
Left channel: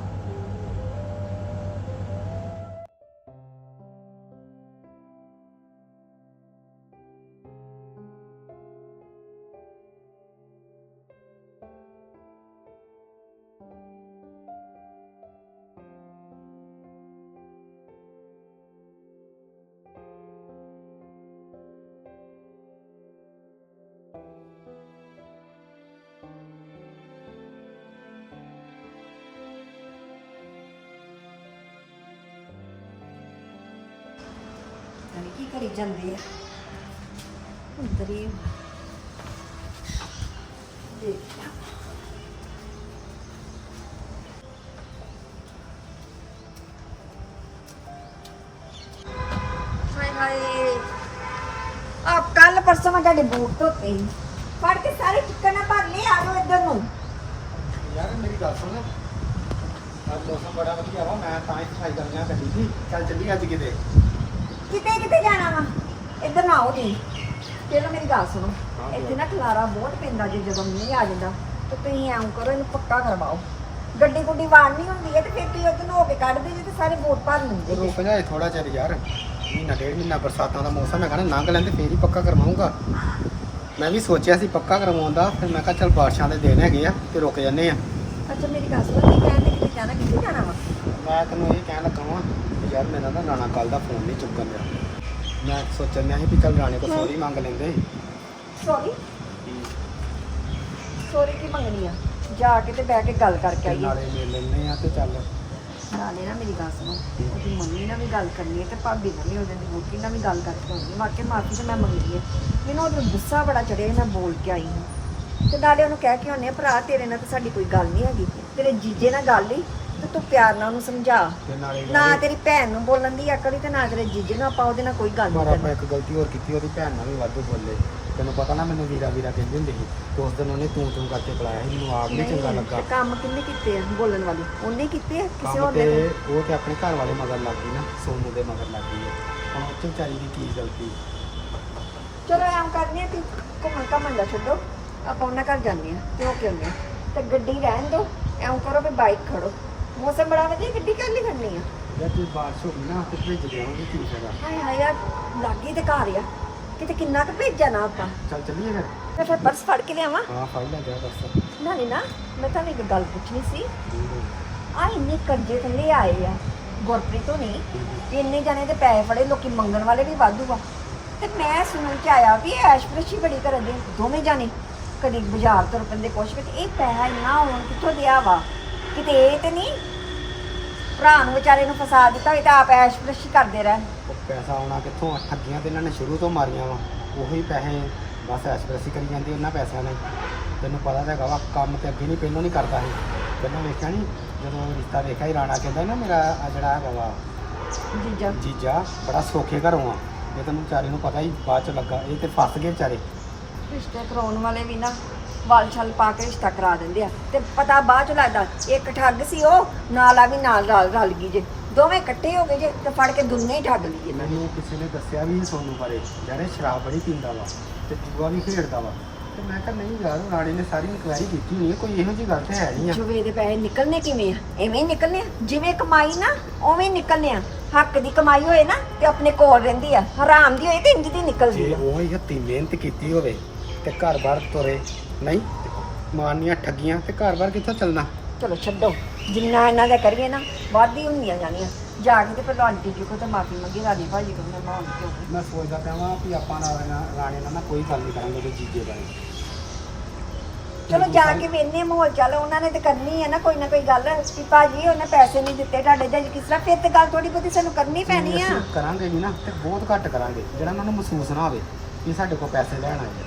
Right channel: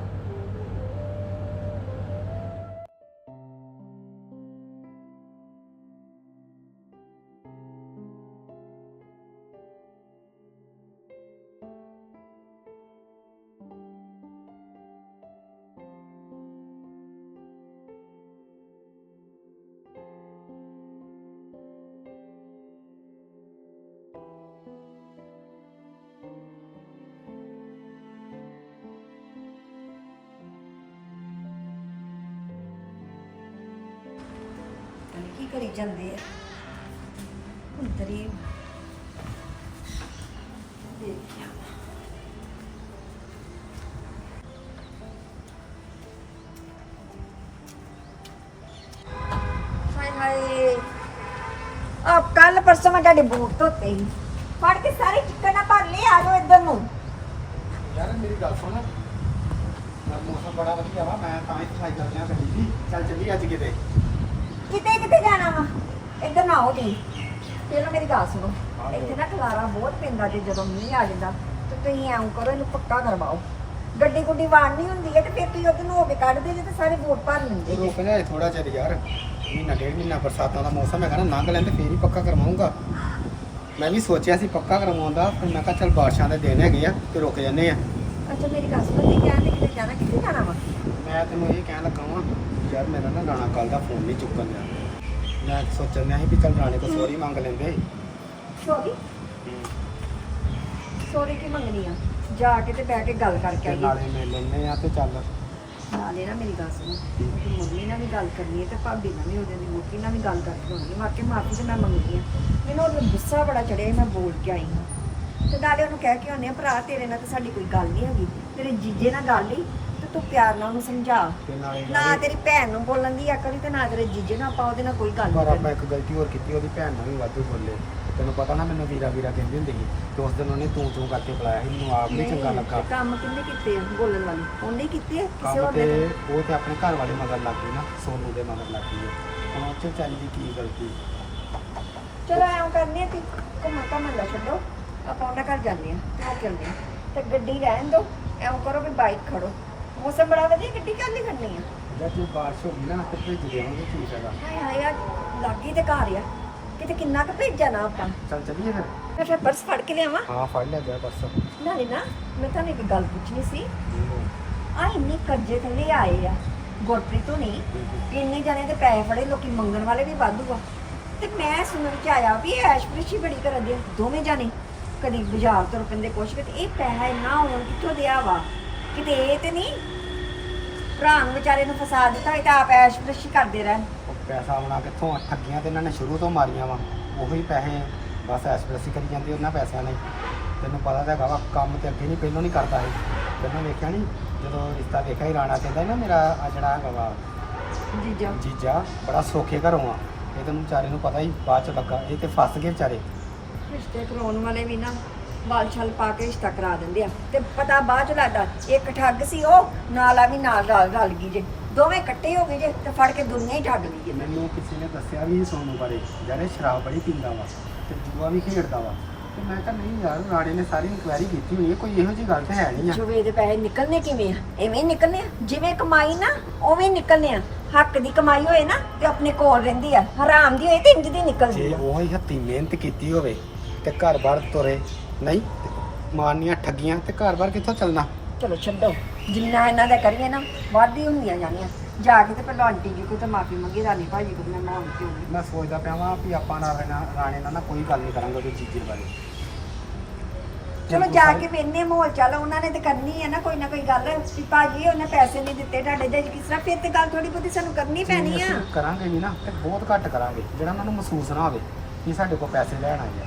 ਕਰੀ ਜਾਂਦੇ ਆ। ਅੰਦਰ ਹੀ ਦੇਖਿਆ। ਆ ਕੱਲ ਪਰਸੋਂ ਮੈਂ ਤੁਹਾਡੇ ਬੂਟ ਧੋਤੇ ਸੀ। ਫੜ ਕੇ ਸਾਰੇ ਚਿੱਕਣ ਭਰ ਲਈ ਆ ਜਾਓ ਇੱਧਰ ਨੂੰ। ਯਾਰ ਮੇਰੀ ਗੱਲ ਸੁਣ। ਅੱਜ ਮੌਸਮ ਬੜਾ ਵਧੀਆ ਵਾ, ਮੈਂ ਤਾਂ ਹੀ ਸਫ਼ਾਈ ਕਰਨ ਲਿਆ ਬੈਠੀ ਸੀ। ਚੱਲ ਚੱਲੀ ਅੱਜ ਕਿਤੇ। ਕਿਤੇ ਕਿਤੇ ਜਾਣਾ ਵਾ? ਇੱਧਰ ਨਾ ਆਓ ਪਹਿਲਾਂ ਮੇਰੀ ਗੱਲ ਸੁਣੋ। ਇੱਥੇ ਨਾ ਖਲਾਰਾ ਬਹੁਤ ਪੈਂਦਾ ਜੇ ਜਦੋਂ ਮੀਂਹ ਆ ਜਾਂਦਾ ਤੇ ਤੁਸੀਂ ਐਂ ਕਰੋ ਇਹਨੂੰ ਪੱਕਾ ਕਰਵਾਓ। ਗੱਡੀ ਗੁੱਡੀ ਵਾੜਨੀ ਹੁੰਦੀ ਹੈ ਤੇ ਫਿਰ ਤੁਸੀਂ ਉਹਦੇ ਨੂੰ ਹੋ ਕੇ ਕੱਢਦੇ ਜੇ ਤੇ ਸਾਰੇ ਵੋਟ ਭਰ ਲੈਂਦੇ ਜੇ। ਰੁਕ ਜਾਏ ਥੋੜਾ ਚਿਰ ਯਾਰ। ਮਹੀਨਾ ਡੇਢ ਮਹੀਨਾ ਬਰਸਾਤਾਂ ਦਾ ਮੌਸਮ ਹੈਗਾ ਨਾ ਲੰਘ ਲੈਣ ਤੇ ਫੇਰ ਹੀ ਪੱਕਾ ਕਰਵਾਉਂਗਾ। ਮੈਂ ਵੀ ਸੋਚਿਆ ਸੀ ਪੱਕਾ ਕਰਵਾਉਣ ਦਾ ਫਿਰ ਮੈਂ ਕਿਹਾ ਚੱਲ ਬਾਰਿਸ਼ਾਂ ਦੇ ਦਿਨ ਹੈਗੇ ਆ ਤੇ ਰੁਕ ਜੰਨੇ ਆ। ਅੱਛਾ ਮੇਰੀ ਗੱਲ ਸੁਣੋ ਤੁਸੀਂ ਕਹਿੰਦੇ ਕਿਤੇ ਜਾਣਾ ਕਿੱਥੇ ਜਾਣਾ ਵਾ? ਮੈਂ ਤੈਨੂੰ ਇਹ ਕਹਿਣ ਲੱਗਾ ਵਾਂ ਯਾਰ ਮੇਰਾ ਨਾ ਰਾਣਾ ਕੱਲ ਦਾ ਫੋਨ ਨਹੀਂ ਚੁੱਕਣ ਦਿਆ। ਮੈਂ ਸੋਚਣ ਡਿਆ ਸੀ ਵੀ ਕੱਲ ਰਾਣੇ ਕੋ ਸੋਰੀ ਮੰਗ ਲੈਂਦੇ ਸੌਰੀ? ਸੌਰੀ ਕੀ ਮੰਗਣੀ ਆ? ਜਾ ਕੇ ਤੇ ਬਹਿ ਕੇ ਗੱਲ ਕਰਕੇ ਤੇ ਆਈਏ। ਨਾਲੇ ਮਿਲ ਲੈਂਦੇ ਆ ਤੇ ਚੱਲ। ਨਾਲੇ ਨਾ ਮੇਰੀ ਗੱਲ ਸੁਣੋ। ਉਹਦੀ ਮੰਮੀ ਨਾਲ ਵੀ ਗੱਲ ਕਰਨੀ ਹੈ ਤੇ ਭਾਬੀ ਨਾਲ ਵੀ ਉਹਦੇ ਮੁੱਕੀ ਨਾਲ ਵੀ ਗੱਲ ਕਰਕੇ ਹੋਣੀ ਹੈ ਵਾਕਿਆ ਮਾਫੀ ਤੇ ਮੈਂ ਮੰਗਦੀ ਹਾਂ ਮੈਨੂੰ ਉਹਦਾ ਗੁੱਸਾ ਬੜਾ ਚੜਿਆ ਸੀ, ਮੈਂ ਬੋਲ ਕੇ ਆਈ ਹਾਂ। ਤੇ ਨਾਲੇ ਉਹਨੂੰ ਕਹਿ ਕੇ ਆਉਂਦੇ ਆ ਭਰਾ ਤੇਰੇ ਨਾਲ ਤਾਂ ਸਾਡੀ ਕੋਈ ਗੱਲ ਨਹੀਂ ਹੈਗੀ। ਤੇਰੇ ਜੀਜੇ ਨਾਲ ਗੱਲ ਹੀ ਤੇ ਤੂੰ ਪਿਆਰ ਨਾਲ ਉਹਨੂੰ ਸਮਝਾ। ਤੇ ਨਾਲੇ ਨਾ ਤੇਰੀ ਭੈਣ ਨੂੰ ਬੋਲਣ ਦੀ ਅਕਲ ਹੀ ਤੇ ਨਾ ਤੇਰੇ ਜੀਜੇ ਨੂੰ ਆਪਾਂ ਉਹਦੇ ਨਾਲ ਕੋਈ ਗੱਲ ਪਰ ਨਹੀਂ ਆਪਾਂ ਇੱਕ ਗਲਤੀ ਹੋਰ ਕੀਤੀ ਉਹਦੀ ਭੈਣ ਨਾਲ ਵੀ ਵਾਧੂ ਬੋਲੇ। ਤੈਨੂੰ ਪਤਾ ਨਾ ਮੈਨੂੰ ਵੀਰਾ ਵੀਰਾ ਕਹਿੰਦੀ ਹੁੰਦੀ ਸੀ ਤੇ ਉਸ ਦਿਨ ਉਹਨੇ ਤੂੰ ਤੂੰ ਕਰਕੇ ਬੁਲਾਇਆ ਸੀ ਮੈਨੂੰ ਆਪ ਨਹੀਂ ਚੰਗਾ ਲੱਗਾ। ਕੰਮ ਕਿੰਨੇ ਕੀਤੇ ਆ ਬੋਲਣ ਵਾਲੀ? ਉਹਨੇ ਹੀ ਕੀਤੇ ਆ ਕਿਸੇ ਕੰਮ ਹੋਰ ਤੇ ਨੇ? ਉਹ ਤੇ ਆਪਣੇ ਘਰ ਵਾਲੇ ਮਗਰ ਲੱਗ ਗਈ ਨਾ ਸੋਨੂ ਦੇ ਮਗਰ ਲੱਗ ਗਈ ਹੈ ਹੁਣ ਉਹ 'ਚ ਵਿਚਾਰੀ ਦੀ ਕੀ ਗਲਤੀ? ਚਲੋ ਐਂ ਕਰਨੀ ਆ ਤੀ ਘੁੰਮਣ ਘੁੰਮਣ ਦਾ ਛੱਡੋ। ਆਪਾਂ ਉਹਨਾਂ ਘਰ ਜਾਂਦੇ ਆ ਤੇ ਉਹ ਕਿਉਂਦੇ ਆ? ਤੇ ਗੱਡੀ ਰਹਿਣ ਦੋ ਐਂ ਕਰੋ ਵੀ ਬਾਈਕ ਖੜੋ। ਮੌਸਮ ਬੜਾ ਵਧੀਆ ਗੱਡੀ ਕੱਲ ਖੜਨੀ ਆ। ਜਦ ਜੇ ਬਾਰਿਸ਼ ਹੋ ਗਈ ਨਾ ਤੇ ਭੇਜ ਦੇਵਾਂਗੇ ਕੀ ਫਾਇਦਾ? ਹਾਏ ਹਾਏ ਯਾਰ ਲਾਗੀ ਤੇ ਘਰ ਆ ਕਿਤੇ ਕਿੰਨਾ ਕੁ ਭੇਜਾ ਨਾ ਆਪਾਂ? ਚੱਲ ਚੱਲੀਏ ਫਿਰ। ਮੈਂ ਫਿਰ ਪਰਸ ਫੜ ਕੇ ਲਿਆਵਾਂ। ਹਾਂ ਫੜ ਲੈ ਜਾ ਬਸ ਨਾਲੇ ਨਾ ਮੈਂ ਤੁਹਾਨੂੰ ਇੱਕ ਗੱਲ ਪੁੱਛਣੀ ਸੀ। ਆ ਇੰਨੇ ਕਰਜ਼ੇ ਥੱਲੇ ਆਏ ਆ ਗੁਰਪ੍ਰੀਤ ਹੋਣੀ। ਇੰਨੇ ਜਾਣੇ ਤੇ ਪੈਸੇ ਫੜੇ ਲੋਕੀ ਮੰਗਣ ਵਾਲੇ ਵੀ ਵਾਧੂ ਆ। ਤੇ ਮੈਂ ਸੁਣਨ ਚ ਆਇਆ ਵੀ ਐਸ਼ਪ੍ਰਿਸ਼ੀ ਬੜੀ ਕਰਦੇ ਦੋਵੇਂ ਜਾਣੇ। ਕਦੀ ਬਾਜ਼ਾਰ ਤੋਂ ਰੁਪਏ ਦੇ ਕੁਛ ਤੇ ਇਹ ਪੈਸਾ ਇੰਨਾ ਆਉਣ ਕਿੱਥੋਂ ਦਿਆ ਵਾ? ਕਿਤੇ ਇਹ ਤੇ ਨਹੀਂ। ਭਰਾ ਨੂੰ ਵਿਚਾਰੇ ਨੂੰ ਫਸਾ ਦਿੱਤਾ ਹੋਏ ਤਾਂ ਆਪ ਐਸ਼ਪ੍ਰਿਸ਼ੀ ਕਰਦੇ ਰਹਿਣ। ਉਹ ਪੈਸਾ ਆਉਣਾ ਕਿੱਥੋਂ? ਠੱਗੀਆਂ ਤੇ ਇਹਨਾਂ ਨੇ ਸ਼ੁਰੂ ਤੋਂ ਮਾਰੀਆਂ ਵਾ। ਉਹੀ ਪੈਸੇ ਬਸ ਐਸਪ੍ਰੈਸੀ ਕਰੀ ਜਾਂਦੀ ਉਹਨਾਂ ਪੈਸਿਆਂ ਨਾਲ ਹੀ। ਤੈਨੂੰ ਪਤਾ ਤਾਂ ਹੈਗਾ ਵਾ ਕੰਮ ਤੇ ਅੱਗੇ ਨਹੀਂ ਪਹਿਲੋਂ ਨਹੀਂ ਕਰਦਾ ਸੀ ਪਹਿਲਾਂ ਵੇਖਿਆ ਨਹੀਂ ਜਦੋਂ ਰਿਸ਼ਤਾ ਵੇਖਿਆ ਹੀ ਰਾਣਾ ਕਹਿੰਦਾ ਸੀ ਨਾ ਮੇਰਾ ਆ ਜਿਹੜਾ ਹੈਗਾ ਵਾ ਜੀਜਾ। ਜੀਜਾ ਬੜਾ ਸੌਖੇ ਘਰੋਂ ਆ। ਇਹ ਤੈਨੂੰ ਵਿਚਾਰੇ ਨੂੰ ਪਤਾ ਹੀ ਬਾਅਦ ਚ ਲੱਗਾ। ਇਹ ਤੇ ਫਸ ਗਏ ਵਿਚਾਰੇ। ਰਿਸ਼ਤੇ ਕਰਾਉਣ ਵਾਲੇ ਵੀ ਨਾ। ਵਾਲ ਛਲ ਪਾ ਕੇ ਰਿਸ਼ਤਾ ਕਰਾ ਦਿੰਦੇ ਆ। ਤੇ ਪਤਾ ਬਾਅਦ ਚ ਲੱਗਦਾ ਇੱਕ ਠੱਗ ਸੀ ਉਹ ਨਾਲ ਆ ਵੀ ਨਾਲ ਰਲ ਰਲ ਗਈ ਜੇ। ਦੋਵੇਂ ਇਕੱਠੇ ਹੋ ਗਏ ਜੇ ਤੇ ਫੜ ਕੇ ਦੁਨੀਆ ਹੀ ਠੱਗ ਲਈ ਜੇ। ਮੈਨੂੰ ਕਿਸੇ ਨੇ ਦੱਸਿਆ ਵੀ ਸੋਨੂੰ ਬਾਰੇ ਯਾਰ ਇਹ ਸ਼ਰਾਬ ਬੜੀ ਪੀਂਦਾ ਵਾ ਤੇ ਜੂਆ ਵੀ ਖੇਡਦਾ ਵਾ। ਤੇ ਮੈਂ ਕਿਹਾ ਨਹੀਂ ਯਾਰ ਰਾਣੇ ਨੇ ਸਾਰੀ ਇਨਕੁਆਇਰੀ ਕੀਤੀ ਹੋਈ ਹੈ ਕੋਈ ਇਹੋ ਜਿਹੀ ਗੱਲ ਤੇ ਹੈ ਨਹੀਂ ਆ। ਜੁਵੇ ਦੇ ਪੈਸੇ ਨਿਕਲਨੇ ਕਿਵੇਂ ਆ? ਐਵੇਂ ਹੀ ਨਿਕਲਨੇ ਆ? ਜਿਵੇਂ ਕਮਾਈ ਨਾ ਉਵੇਂ ਹੀ ਨਿਕਲਨੇ ਆ। ਹੱਕ ਦੀ ਕਮਾਈ ਹੋਏ ਨਾ ਤੇ ਆਪਣੇ ਕੋਲ ਰਹਿੰਦੀ ਆ। ਹਰਾਮ ਦੀ ਹੋਏ ਤੇ ਇੰਜ ਦੀ ਨਿਕਲਦੀ ਜੇ ਆ ਉਹ ਹੀ ਹੱਤੀ ਮਿਹਨਤ ਕੀਤੀ ਹੋਵੇ ਤੇ ਘਰ-ਬਾਰ ਤੁਰੇ ਨਹੀਂ ਮਾਰਨੀਆਂ ਠੱਗੀਆਂ ਤੇ ਘਰ-ਬਾਰ ਕਿੱਥੋਂ ਚੱਲਣਾ? ਚਲੋ ਛੱਡੋ। ਜਿੰਨਾ ਇਹਨਾਂ ਦਾ ਕਰੀਏ ਨਾ ਵਾਧੀ ਹੁੰਦੀਆਂ ਜਾਣੀਆਂ। ਜਾ ਕੇ ਤੇ ਪਹਿਲਾਂ ਆਂਟੀ ਜੀ ਕੋਲ ਤਾਂ ਮਾਫੀ ਮੰਗੀ ਰਾਣੀ ਭਾਜੀ ਤੋਂ ਮੈਂ ਨਾ ਕਿਉਂ ਮੈਂ ਸੋਚਦਾ ਪਿਆ ਵਾਂ ਵੀ ਆਪਾਂ ਨਾਲ ਰਾਣਾ- ਰਾਣੇ ਨਾਲ ਨਾ ਕੋਈ ਗੱਲ ਨਹੀਂ ਕਰਾਂਗੇ ਉਹਦੇ ਜੀਜੇ ਬਾਰੇ। ਚਲੋ ਜਾ ਕੇ ਵੇਨੇ ਮਾਹੌਲ ਚੱਲ ਉਹਨਾਂ ਨੇ ਤੇ ਕਰਨੀ ਹੈ ਨਾ ਕੋਈ ਨਾ ਕੋਈ ਗੱਲ। ਵੀ ਭਾਜੀ ਉਹਨੇ ਪੈਸੇ ਨਹੀਂ ਦਿੱਤੇ ਤੁਹਾਡੇ ਦੇ ਕਿਸ ਤਰ੍ਹਾਂ ਫਿਰ ਤੇ ਗੱਲ ਥੋੜੀ ਬਹੁਤੀ ਸਾਨੂੰ ਕਰਨੀ ਜੇ ਪੈਣੀ ਆ। ਅਸੀਂ ਕਰਾਂਗੇ ਵੀ ਨਾ ਤੇ ਬਹੁਤ ਘੱਟ ਕਰਾਂਗੇ ਜਿਹੜਾ ਉਹਨਾਂ ਨੂੰ ਮਹਿਸੂਸ ਨਾ ਹੋਵੇ ਕਿ ਸਾਡੇ ਕੋਲ ਪੈਸੇ ਲੈਣ ਆਏ ਆ।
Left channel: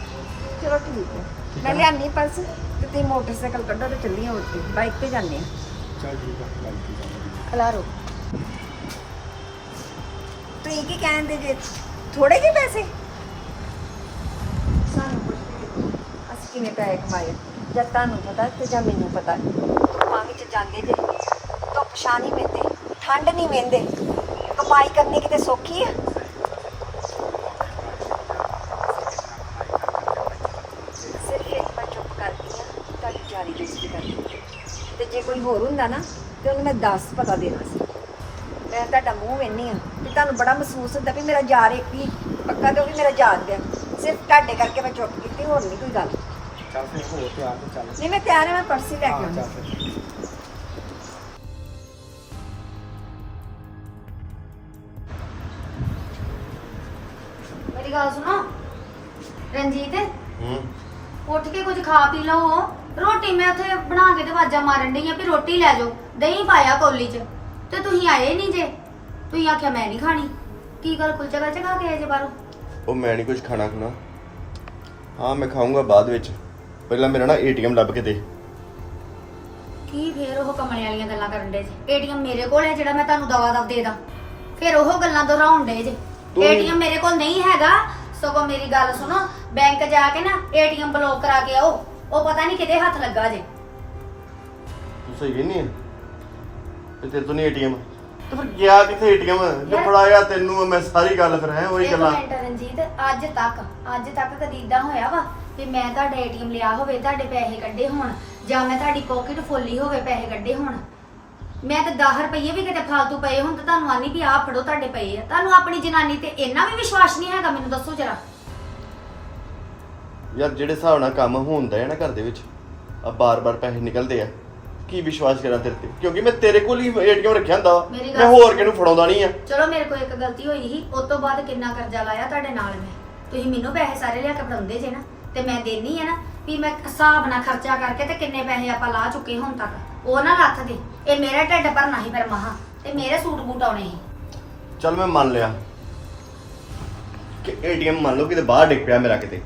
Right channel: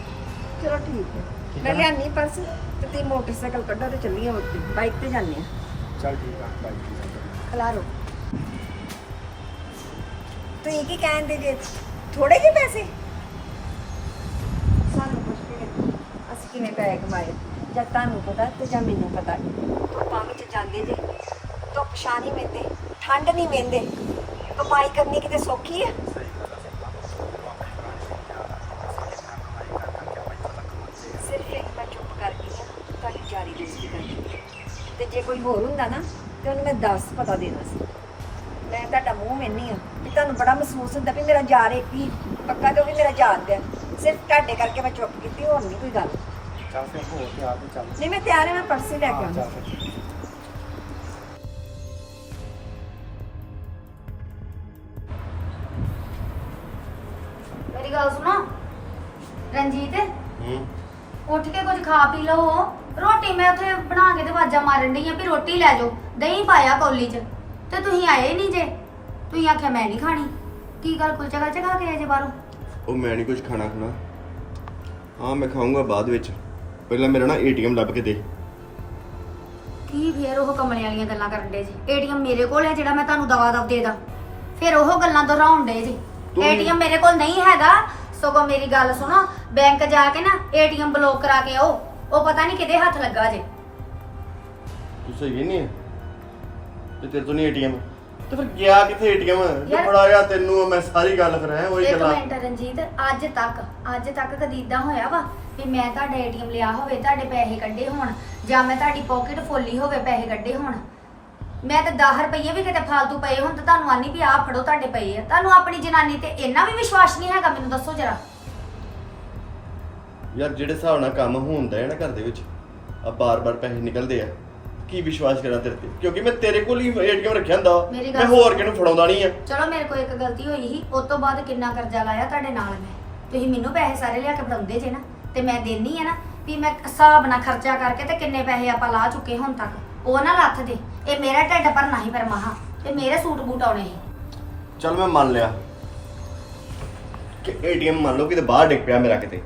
ਚਲੋ ਠੀਕ ਹੈ ਠੀਕ ਮੈਂ ਹੈ ਨਾ? ਲਿਆਨੀ ਪਰਸ ਤੇ ਤੇ ਮੋਟਰਸਾਈਕਲ ਕੱਢੋ ਤੇ ਚੱਲੀਏ ਉੱਥੇ ਬਾਈਕ ਤੇ ਜਾਂਦੇ ਆ ਚੱਲ ਠੀਕ ਆ ਗੱਲ ਕੀ ਖਲਾਰੋ ਤੁਸੀਂ ਕੀ ਕਹਿੰਦੇ ਜੇ? ਥੋੜੇ ਜਿਹੇ ਪੈਸੇ? ਸਾਨੂੰ ਪੁੱਛਦੇ ਦੇਖੋ ਅਸੀਂ ਕਿਵੇਂ ਪੈਸੇ ਕਮਾਏ। ਜਦ ਤੁਹਾਨੂੰ ਪਤਾ ਤੇ ਜਾਂ ਮੈਨੂੰ ਪਤਾ। ਧੁੱਪਾਂ ਵਿੱਚ ਜਾਂਦੇ ਜੇ। ਧੁੱਪ ਛਾਂ ਨਹੀਂ ਮਿਲਦੇ ਠੰਡ ਨਹੀਂ ਮਿਲਦੇ। ਕਮਾਈ ਕਰਨੀ ਕਿਤੇ ਸੌਖੀ ਆ? ਤੁਹਾਡੀ ਜਾਰੀ ਬੇਇੱਜ਼ਤੀ ਕਰਦੀ ਤੇ ਜੇ ਕੋਈ ਹੋਰ ਹੁੰਦਾ ਨਾ ਤੇ ਉਹਨੂੰ ਮੈਂ 10 ਪਤਾ ਦੇਣਾ ਸੀ। ਮੈਂ ਤੁਹਾਡਾ ਮੂੰਹ ਵੇਨੀ ਆ ਤੇ ਤੁਹਾਨੂੰ ਬੜਾ ਮਹਿਸੂਸ ਹੁੰਦਾ ਵੀ ਮੇਰਾ ਯਾਰ ਇੱਕ ਹੀ ਪੱਕਾ ਤੇ ਉਹ ਵੀ ਮੇਰਾ ਯਾਰ ਦਾ ਸਿਰਫ ਤੁਹਾਡੇ ਕਰਕੇ ਮੈਂ ਚੁੱਪ ਕੀਤੀ ਹੋਰ ਨਹੀਂ ਕੋਈ ਗੱਲ। ਚੱਲ ਫਿਰ ਹੋ ਤਿਆਰ ਤੇ ਚੱਲ। ਨਹੀਂ ਮੈਂ ਤਿਆਰ ਹਾਂ ਮੈਂ ਪਰਸ ਹੀ ਲੈ ਕੇ ਹਾਂ, ਆਉਂਦੀ। ਚੱਲ ਫਿਰ ਮੇਰੀ ਗੱਲ ਸੁਣੋ। ਰਣਜੀਤ ਹੂੰ। ਉੱਠ ਕੇ ਕੁਝ ਖਾ ਪੀ ਲਓ। ਰੋਟੀ ਮੈਂ ਉੱਥੇ ਬਣਾ ਕੇ ਤੇ ਵਾਜਾ ਮਾਰਨ ਡਈ ਆ ਵੀ ਰੋਟੀ ਲੈ ਜਾਓ ਦਹੀਂ ਪਾਇਆ ਕੌਲੀ 'ਚ। ਤੇ ਤੁਸੀਂ ਆਏ ਨਹੀਂ ਜੇ। ਤੁਸੀਂ ਆਖਿਆ ਮੈਂ ਨਹੀਂ ਖਾਣੀ। ਕੀ ਗੱਲ ਕੁਲਚਾ ਗਲਚਾ ਖਾ ਕੇ ਆਏ ਜੇ ਬਾਹਰੋਂ? ਉਹ ਮੈਂ ਨਹੀਂ ਕੁਝ ਖਾਣਾ ਖੁਣਾ। ਹਾਂ ਮੈਂ ਖਾਊਂਗਾ ਬਾਅਦ ਵਿੱਚ। ਪਹਿਲਾਂ ਮੇਰਾ ਨਾ ਏਟੀਐਮ ਲੱਭ ਕੇ ਦੇ। ਕੀ ਫੇਰ ਉਹ ਕਮਲੇ ਵਾਲੀਆਂ ਗੱਲਾਂ ਕਰਨ ਡੇ ਜੇ? ਏਟੀਐਮ ਮੇਰੇ ਕੋਲ ਹੈ ਜਿਹੜਾ ਮੈਂ ਤੁਹਾਨੂੰ ਦਵਾ ਦਵ ਦੇ ਦਾਂ। ਫਿਰ ਉਹ ਗੱਲਾਂ ਦੁਹਰਾਉਣ ਡੇ ਜੇ। ਤੂੰ- ਏਟੀਐਮ ਮੇਰੇ ਕੋਲ ਨਹੀਂ ਹੈਗਾ। ਸਗੋਂ ਮੇਰੀ ਗੱਲ ਸੁਣੋ। ਬੈਂਕ ਜਾ ਕੇ ਨਾ ਏਟੀਐਮ ਬਲੌਕ ਕਰਾ ਕੇ ਆਓ। ਉਹ ਪਤਾ ਨਹੀਂ ਕਿਤੇ ਹੱਥ ਲੱਗਾ ਜੇ। ਤੂੰ ਸਹੀ ਨਹੀਂ ਹੈ ਤੇ ਤੇਰੇ ਤੋਂ ਨਹੀਂ ਏਟੀਐਮ? ਤੇ ਫਿਰ ਗਿਆ ਕਿੱਥੇ ਏਟੀਐਮ? ਜੇ ਯਾਰ- ਫੜਾਇਆ ਤੈਨੂੰ ਮੈਂ ਸਾਰੀ ਗੱਲ ਫਿਰ ਹੈ ਉਹੀ ਇੱਕ ਗੱਲਾਂ। ਮਿੰਟ ਰਣਜੀਤ ਅੱਜ ਤੱਕ ਅੱਜ ਤੱਕ ਕਦੀ ਇਦਾਂ ਹੋਇਆ ਵਾ ਵੀ ਮੈਂ ਤੁਹਾਡਾ ਏਟੀਐਮ ਲਿਆ ਹੋਵੇ ਤੁਹਾਡੇ ਪੈਸੇ ਕੱਢੇ ਹੋਣ ਜਾਂ ਮੈਂ ਤੁਹਾਡੀ ਪਾਕਟ ਫੁੱਲੀ ਹੋਵੇ ਪੈਸੇ ਕੱਢੇ ਹੋਣ? ਮੈਂ ਤਾਂ 10 ਰੁਪਏ ਵੀ ਕਿਤੇ ਫਾਲਤੂ ਪਏ ਹੁਣ ਤਾਂ ਤੁਹਾਨੂੰ ਆਨੀ ਵੀ ਆਹ ਫੜੋ ਤੁਹਾਡੇ ਪਏ ਆ। ਤੁਹਾਨੂੰ ਆਪਣੀ ਜਨਾਨੀ ਤੇ ਇੰਨਾ ਵੀ ਵਿਸ਼ਵਾਸ ਨਹੀਂ ਹੈਗਾ ਮੈਨੂੰ ਦੱਸੋ ਜਰਾ। ਯਾਰ ਜਿਹੜੇ ਹਿਸਾਬ ਨਾਲ ਕੰਮ ਹੁੰਦਾ ਹੈ ਨਾ ਘਰ ਦੇ ਵਿੱਚ ਆ ਬਾਰ-ਬਾਰ ਪੈਸੇ ਨਿਕਲਦੇ ਆ ਕੀ ਵਿਸ਼ਵਾਸ ਕਰਾਂ ਤੇਰੇ ਤੇ ਕਿਉਂਕਿ ਮੈਂ ਤੇਰੇ ਕੋਲ ਹੀ ਏਟੀਐਮ ਰੱਖਿਆ ਹੁੰਦਾ ਵਾ। ਮੇਰੀ ਗੱਲ ਮੈਂ ਹੋਰ। ਕਿਹਨੂੰ ਫੜਾਉਂਦਾ ਨਹੀਂ ਆ ਚਲੋ ਮੇਰੇ ਕੋਲ ਇੱਕ ਗਲਤੀ ਹੋਈ ਸੀ ਉਸ ਤੋਂ ਬਾਅਦ ਕਿੰਨਾ ਕਰਜ਼ਾ ਲਾਇਆ ਤੁਹਾਡੇ ਨਾਲ ਮੈਂ ਤੁਸੀਂ ਮੈਨੂੰ ਪੈਸੇ ਸਾਰੇ ਲਿਆ ਕੇ ਫੜਾਉਂਦੇ ਜੇ ਨਾ ਤੇ ਮੈਂ ਦੇਣੀ ਆ ਨਾ ਵੀ ਮੈਂ ਹਿਸਾਬ ਨਾਲ ਖਰਚਾ ਕਰਕੇ ਤੇ ਕਿੰਨੇ ਪੈਸੇ ਆਪਾਂ ਲਾ ਚੁੱਕੇ ਹੁਣ ਤੱਕ ਉਹ ਨਾ ਲੱਥ ਦੇ ਇਹ ਮੇਰਾ ਢਿੱਡ ਭਰਨਾ ਸੀ ਫਿਰ ਮਹਾ ਤੇ ਮੇਰੇ ਸੂਟ ਬੂਟ ਆਉਣੇ ਸੀ ਚੱਲ ਮੈਂ ਮੰਨ ਲਿਆ ਕਿ ਏਟੀਐਮ ਮੰਨ ਲਓ ਕਿਤੇ ਬਾਹਰ ਡਿੱਗ ਪਿਆ ਮੇਰਾ ਕਿਤੇ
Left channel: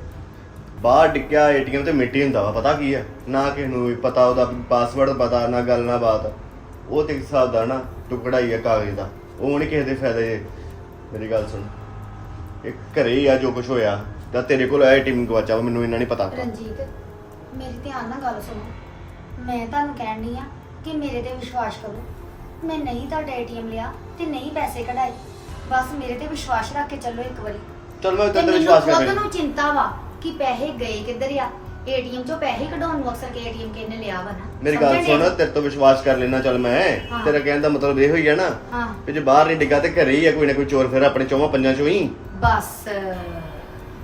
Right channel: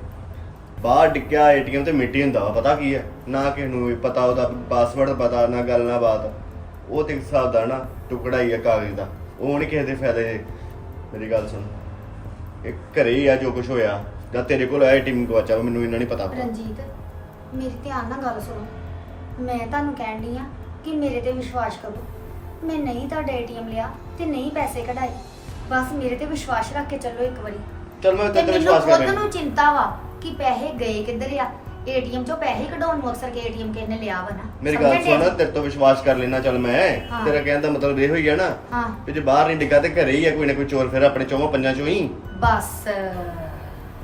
ਬਾਹਰ ਡਿੱਗਿਆ ਏਟੀਐਮ ਤੇ ਮਿੱਟੀ ਹੁੰਦਾ ਵਾ ਪਤਾ ਕੀ ਆ? ਨਾ ਕਿਸੇ ਨੂੰ ਵੀ ਪਤਾ ਉਹਦਾ ਪਾਸਵਰਡ ਪਤਾ ਨਾ ਗੱਲ ਨਾ ਬਾਤ। ਉਹ ਤੇ ਹਿਸਾਬ ਦਾ ਨਾ ਟੁਕੜਾ ਹੀ ਆ ਕਾਗਜ਼ ਦਾ। ਉਹ ਨਹੀਂ ਕਿਸੇ ਦੇ ਫਾਇਦੇ। ਮੇਰੀ ਗੱਲ ਸੁਣ। ਇਹ ਘਰੇ ਹੀ ਆ ਜੋ ਕੁਝ ਹੋਇਆ। ਜਾਂ ਤੇਰੇ ਕੋਲ ਆਇਆ ਟੀਮ ਗਵਾਚਾ ਵਾ, ਮੈਨੂੰ ਇਹਨਾਂ ਨਹੀਂ ਪਤਾ ਰਣਜੀਤ ਮੇਰੀ ਧਿਆਨ ਨਾਲ ਗੱਲ ਸੁਣੋ। ਮੈਂ ਤੁਹਾਨੂੰ ਕਹਿਣ ਡਈ ਆ ਕਿ ਮੇਰੇ ਤੇ ਵਿਸ਼ਵਾਸ ਕਰੋ। ਮੈਂ ਨਹੀਂ ਤੁਹਾਡਾ ਏਟੀਐਮ ਲਿਆ ਤੇ ਨਹੀਂ ਪੈਸੇ ਕਢਾਏ। ਬਸ ਮੇਰੇ ਤੇ ਵਿਸ਼ਵਾਸ ਰੱਖ ਕੇ ਚੱਲੋ ਇੱਕ ਵਾਰੀ। ਚਲ ਮੈਂ ਤੇ ਤੇਰੇ ਮੈਨੂੰ ਵਿਸ਼ਵਾਸ ਕਰ ਖੁਦ ਨੂੰ ਚਿੰਤਾ ਵਾ ਕਿ ਪੈਸੇ ਗਏ ਕਿੱਧਰ ਆ? ਏਟੀਐਮ ਚੋਂ ਪੈਸੇ ਕਢਾਉਣ ਨੂੰ ਅਕਸਰ ਕੇ ਏਟੀਐਮ ਕਿਹਨੇ ਲਿਆ ਵਾ ਨਾ? ਮੇਰੀ ਗੱਲ ਸਮਝਣ ਸੁਣ? ਤੇਰੇ ਤੋਂ ਵਿਸ਼ਵਾਸ ਕਰ ਲੈਣਾ ਚੱਲ ਮੈਂ। ਤੇਰਾ ਕਹਿਣ ਦਾ ਮਤਲਬ ਇਹ ਹੋਈ ਹੈ ਨਾ ਹਾਂ। ਕਿ ਜੇ ਬਾਹਰ ਨਹੀਂ ਡਿੱਗਾ ਤੇ ਘਰੇ ਹੀ ਆ ਕੋਈ ਨਾ ਕੋਈ ਚੋਰ ਫਿਰ ਆਪਣੇ ਚੌਵਾਂ ਪੰਜਾਂ ਚੋਂ ਹੀ। ਬਸ।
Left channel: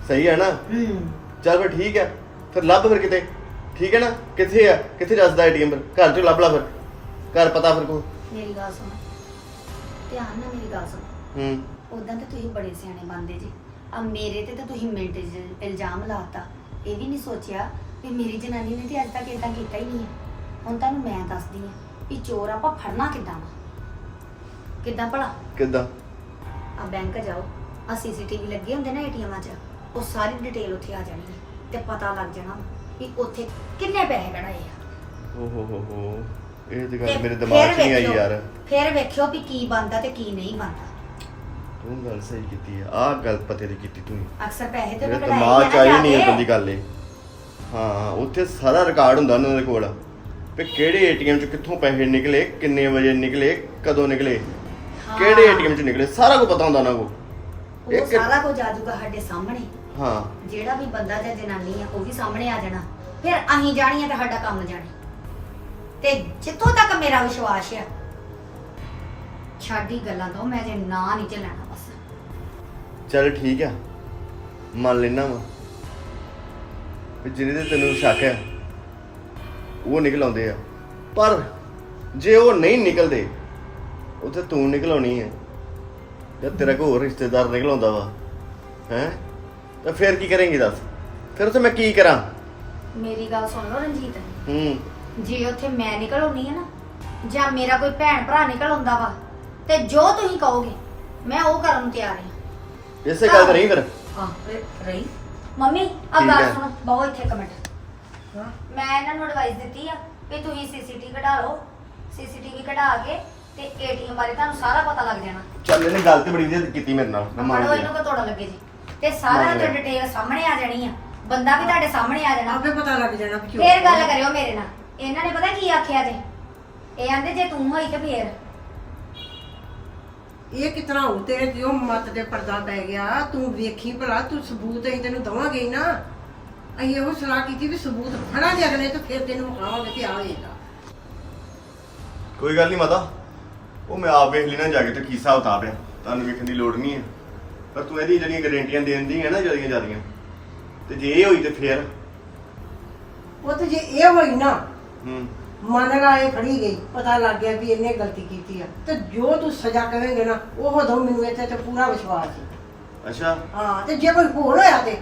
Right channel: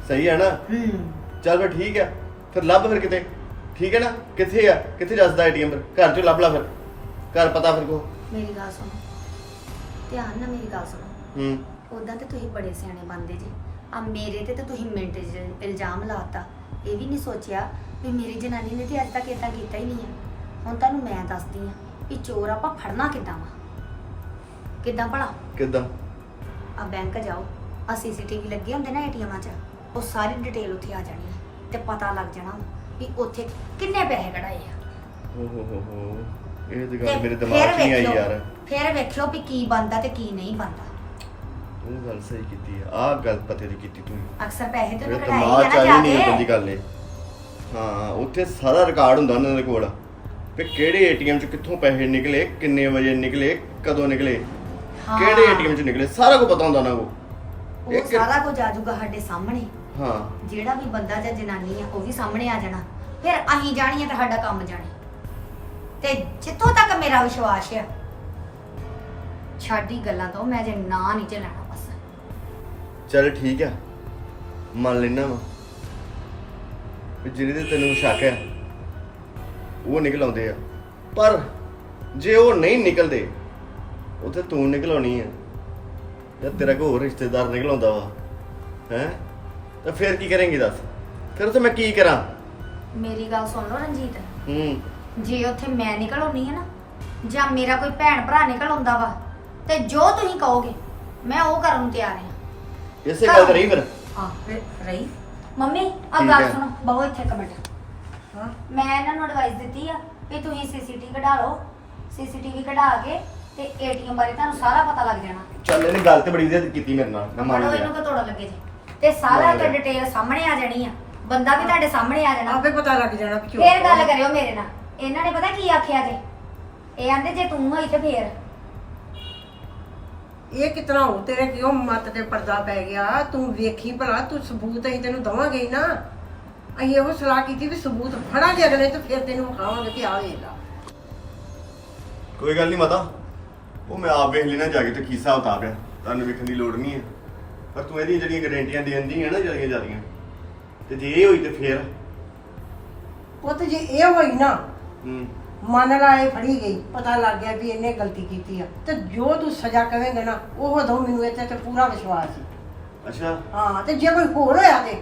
ਸਹੀ ਹੈ ਨਾ? ਹੂੰ। ਚੱਲ ਫਿਰ ਠੀਕ ਹੈ ਫਿਰ ਲੱਭ ਫਿਰ ਕਿਤੇ। ਠੀਕ ਹੈ ਨਾ? ਕਿੱਥੇ ਆ? ਕਿੱਥੇ ਦੱਸਦਾ ਏਟੀਐਮ ਪਰ ਘਰ ਚੋਂ ਲੱਭ ਲਾ ਫਿਰ। ਘਰ ਪਤਾ ਫਿਰ ਕੋ। ਮੇਰੀ ਗੱਲ ਸੁਣੋ। ਧਿਆਨ ਨਾਲ ਮੇਰੀ ਗੱਲ ਸੁਣੋ। ਹੂੰ। ਉਦਾਂ ਤੇ ਤੁਸੀਂ ਬੜੇ ਸਿਆਣੇ ਬੰਦੇ ਜੀ। ਆ ਮੇਰੇ ਤੇ ਤੇ ਤੁਸੀਂ ਮਿੰਟ 'ਚ ਇਲਜ਼ਾਮ ਲਾਤਾ। ਇਹ ਵੀ ਨਹੀਂ ਸੋਚਿਆ ਵੀ ਮੇਰੀ ਜਨਾਨੀ ਨੇ ਤੇ ਅੱਜ ਤੱਕ ਇਦਾਂ ਕੀਤਾ ਹੀ ਨਹੀਂ ਆ। ਹੁਣ ਤੁਹਾਨੂੰ ਮੈਂ ਦੱਸਦੀ ਆ ਵੀ ਚੋਰ ਆਪਾਂ ਫੜਨਾ ਕਿੱਦਾਂ ਵਾ? ਕਿੱਦਾਂ ਭਲਾ? ਕਿੱਦਾਂ? ਆ ਬੈਂਕ ਜਾਓ। ਆ ਸੀਸੀਟੀਵੀ ਲੱਗੇ ਹੁੰਦੇ ਨਾ ਏਟੀਐਮਾਂ 'ਚ ਉਹ ਸਾਰੀ ਡਿਟੇਲ ਉੱਥੇ ਆ ਜਾਣੀ ਹੈ ਤੇ ਪਤਾ ਲੱਗ ਜਾਣਾ ਵੀ ਉੱਥੇ ਕਿੰਨੇ ਪੈਸੇ ਕਢਾਏ ਆ। ਓ ਹੋ ਹੋ ਹੋ। ਇਹ ਤੇ ਗੱਲ ਤੇ ਮੇਰੇ ਫਿਰ ਦਿਮਾਗ 'ਚ ਨਹੀਂ ਆਈ ਵੇਖਿਓ- ਯਾਰ। ਫਿਰ ਵੇਖਿਓ ਵੀ ਕੀ ਬੰਦਾ ਤੇ ਕੀ ਨਹੀਂ ਬੰਦਾ ਉਹ ਗੱਲ ਸਹੀ ਕੀਤੀ ਆ। ਆਹ ਗੱਲ ਪਤੇ ਦੀ ਕੀਤੀ ਤੂੰ। ਅਕਸਰ ਪੈਸੇ ਤੇ ਉਹਨੇ ਕਢਾਏ 'ਚ ਆ ਨਾ ਨਹੀਂ ਇਦਾਂ ਦੀ ਕੇ ਗੱਲ ਏ। ਹਾਂ ਉੱਥੇ ਸਾਰਾ ਰਿਕਾਰਡ ਹੁੰਦਾ ਉਹਨਾਂ ਦੇ ਕੋਲ। ਵੀ ਕਿਹੜੇ ਏਟੀਐਮ 'ਚ ਕਿੱਥੋਂ ਪੈਸੇ ਨਿਕਲੇ ਕਿੰਨੇ ਵਜੇ ਨਿਕਲੇ ਕਦੋਂ ਨਿਕਲੇ ਹਾਂ। ਕਿਹੜੇ ਏਟੀਐਮ 'ਚ ਨਿਕਲੇ ਸਾਰਾ ਕੁਝ ਪਤਾ ਹੁੰਦਾ ਉਹਨਾਂ ਕੋਲ। ਉਹ ਸਾਰਾ ਕੁਝ ਆ ਜਾਊਗਾ ਸਾਡੇ ਸਾਹਮਣੇ। ਹਾਂ। ਜਿਹੜਾ ਵੀ ਬੰਦਾ ਜਾਂ ਜਨਾਨੀ ਆ ਉਹ ਵੀ ਸਾਹਮਣੇ ਆ ਜਾਣਾ। ਫਿਰ ਅਸੀਂ ਜਾਣੀ ਆ ਤੇ ਸਾਡਾ ਕੰਮ ਜਾਣੇ। ਤੇ ਜਿੱਥੋਂ ਤੱਕ ਮੇਰਾ ਵਿਸ਼ਵਾਸ ਆ ਛਾਡੀ ਗੱਲਾਂ ਤੋਂ ਮੈਂ ਜੇ ਨਾਂ ਨਹੀਂ ਚੱਲਣਾ ਬਸ ਚੱਲ ਠੀਕ ਆ। ਮੰਨ ਲੈਣਾ ਵਾ। ਵੀ ਜਿਹਦੇ ਤੇ ਤੈਨੂੰ ਸ਼ੱਕ ਆ ਉਹ ਨਿਕਲ ਆਉਂਦੇ ਆ। ਪਰ ਜੇ ਉਹ ਨਹੀਂ ਨਿਕਲਦੇ ਉੱਥੇ ਤੂੰ ਨਿਕਲਾਉਣੀ ਆ। ਜਾਂ ਤੇਰਾ ਕੋਈ ਹੋਰ ਰਿਸ਼ਤੇਦਾਰ ਨਿਕਲ ਆਉਂਦਾ ਵਾ ਹੈ? ਤਾਂ ਫਿਰ ਕੀ ਕਰੇਂਗੀ ਦੱਸ? ਫਿਰ ਉੱਥੇ ਮੈਂ ਕੀ ਕਰਾਂ? ਮੇਰੀ ਗੱਲ ਸੁਣ ਲਓ ਰਣਜੀਤ। ਹੂੰ। ਜੇ ਉੱਥੇ ਮੈਂ ਨਿਕਲ ਆਉਣੀ ਆ ਨਾ ਜਾਂ ਮੇਰਾ ਕੋਈ ਭੈਣ ਭਰਾ ਨਿਕਲ ਆਉਂਦਾ ਵਾ ਤੇ ਜੋ ਤੁਸੀਂ ਕਹੋਗੇ ਮੈਂ ਉਹ ਕਰਨ ਨੂੰ ਤਿਆਰ ਹਾਂ ਇਸੇ ਗੱਲ ਤੇ ਰਹੀ ਫਿਰ? ਹਾਂ ਰਹੀ। ਮੰਮੀ ਆ ਠੀਕ ਗੱਲ। ਸੁਣੋ ਬਹੁਤ ਇੱਥੇ ਕਮੈਂਟ ਹਾਂ ਮੈਂ ਇਹਨਾਂ ਨੂੰ ਐਡਵਾਈਸ ਦਿੱਤੀ ਆ ਵੀ ਤੁਸੀਂ ਸੀਸੀਟੀਵੀ ਕਢਾ ਲਓ। ਸੀਸੀਟੀਵੀ ਕਢਾ ਕੇ ਤੇ ਏਟੀਐਮ ਬਾਰੇ ਤੁਹਾਨੂੰ ਸਾਰਾ ਪਤਾ ਲੱਗ ਜਾਣਾ। ਚੱਲ ਇਹਨੇ ਗੱਲ ਤੇ ਬੜੀ ਵਧੀਆ ਕੀਤੀ ਮੇਰੇ ਨਾਲ। ਮੈਂ ਮੰਨ ਪੜੋ ਇਹਨੂੰ ਕਿ ਤੋੜਨ ਲੱਗੇ ਜੀ? ਤੇ ਸਾਰਾ ਮੰਨ ਤੇ ਲਿਆ। ਡਿਟੇਲ ਸਾਹਮਣੇ ਆ ਜਾਣੀ ਆ। ਬੰਦਾ ਵੀ ਤੁਹਾਡੇ ਸਾਹਮਣੇ ਆ ਜਾਣਾ। ਆਪੇ ਪਤਾ ਲੱਗ ਜਾਣਾ ਕਿ ਫੇਰ ਗੱਲ ਕਰਿਓ ਮੇਰੇ ਨਾਲ। ਇਹਨਾਂ ਨੇ ਪਤਾ ਕੀ ਆਖਿਆ ਜੇ? ਇਹ ਆਂਦੇ ਜੇ ਤੂੰ ਹੋਈ ਤੇ ਫੇਰ। ਇਹ ਕਿਤਨਾ ਹੋ ਤੇਰੇ ਕਿਉਂ ਮੱਤ ਤੇ ਪਰਦਾ ਪੈ ਗਿਆ? ਤੂੰ ਵੇਖੀ ਭਲਾ ਤੂੰ ਸਬੂਤ ਅਸੀਂ ਤੈਨੂੰ ਦਵਾਂਗੇ ਹੀ ਨਾ। ਅਸੀਂ ਇਹੋ ਸਲਾਹ ਕੀਤੀ ਵੀ ਸਬੂਤ ਫੜਾਂਗੇ ਅਗਲੇ ਤੇ ਫਿਰ ਤੈਨੂੰ ਵਿਖਾਵਾਂਗੇ ਕਿ ਆ ਵੇਖ ਲਾ। ਕੋਈ ਗੱਲ ਨਹੀਂ ਮਾਤਾ। ਉਹ ਮੈਂ ਆਪ ਵੇਖ ਲੈਣਾ ਜਾ ਕੇ ਤੇ ਕੀ ਹਿਸਾਬ ਕਿਤਾਬ ਹੈ। ਤੁਹਾਨੂੰ ਵੇਖਣ ਦੀ ਲੋੜ ਨਹੀਂ ਹੈ। ਪਰ ਤੂੰ ਇਹਦੀ ਜਿਹੜੀਆਂ ਗਾਰੰਟੀਆਂ ਦੇਣ ਦੀ ਹੈ ਨਾ ਜਿਹੜੀਆਂ ਜਾਂਦੀਆਂ ਤੇ ਜੇ ਇਹ ਹੋਈ ਤੇ ਫੇਰ? ਉਹ ਤੇ ਜੇ ਇਹ ਹੋਈ ਨਾ ਹੂੰ। ਮਨ ਲਾਏ ਫੜੀ ਗਈ ਪਤਾ ਲੱਗ ਗਿਆ ਵੀ ਇਹਨੇ ਗਲਤੀ ਕੀਤੀ ਆ। ਤੇ ਜੋ ਤੂੰ ਸਜ਼ਾ ਕਵੇਂਗੇ ਨਾ ਉਹ ਦੋ ਮੈਨੂੰ ਇੱਥੇ ਤੇ ਪੂਰਾ ਵਿਸ਼ਵਾਸ ਸੀ। ਅੱਛਾ। ਹਾਂ ਤੇ ਜੇ ਕੋਈ ਹੋਰ ਹੋਇਆ ਤੇ?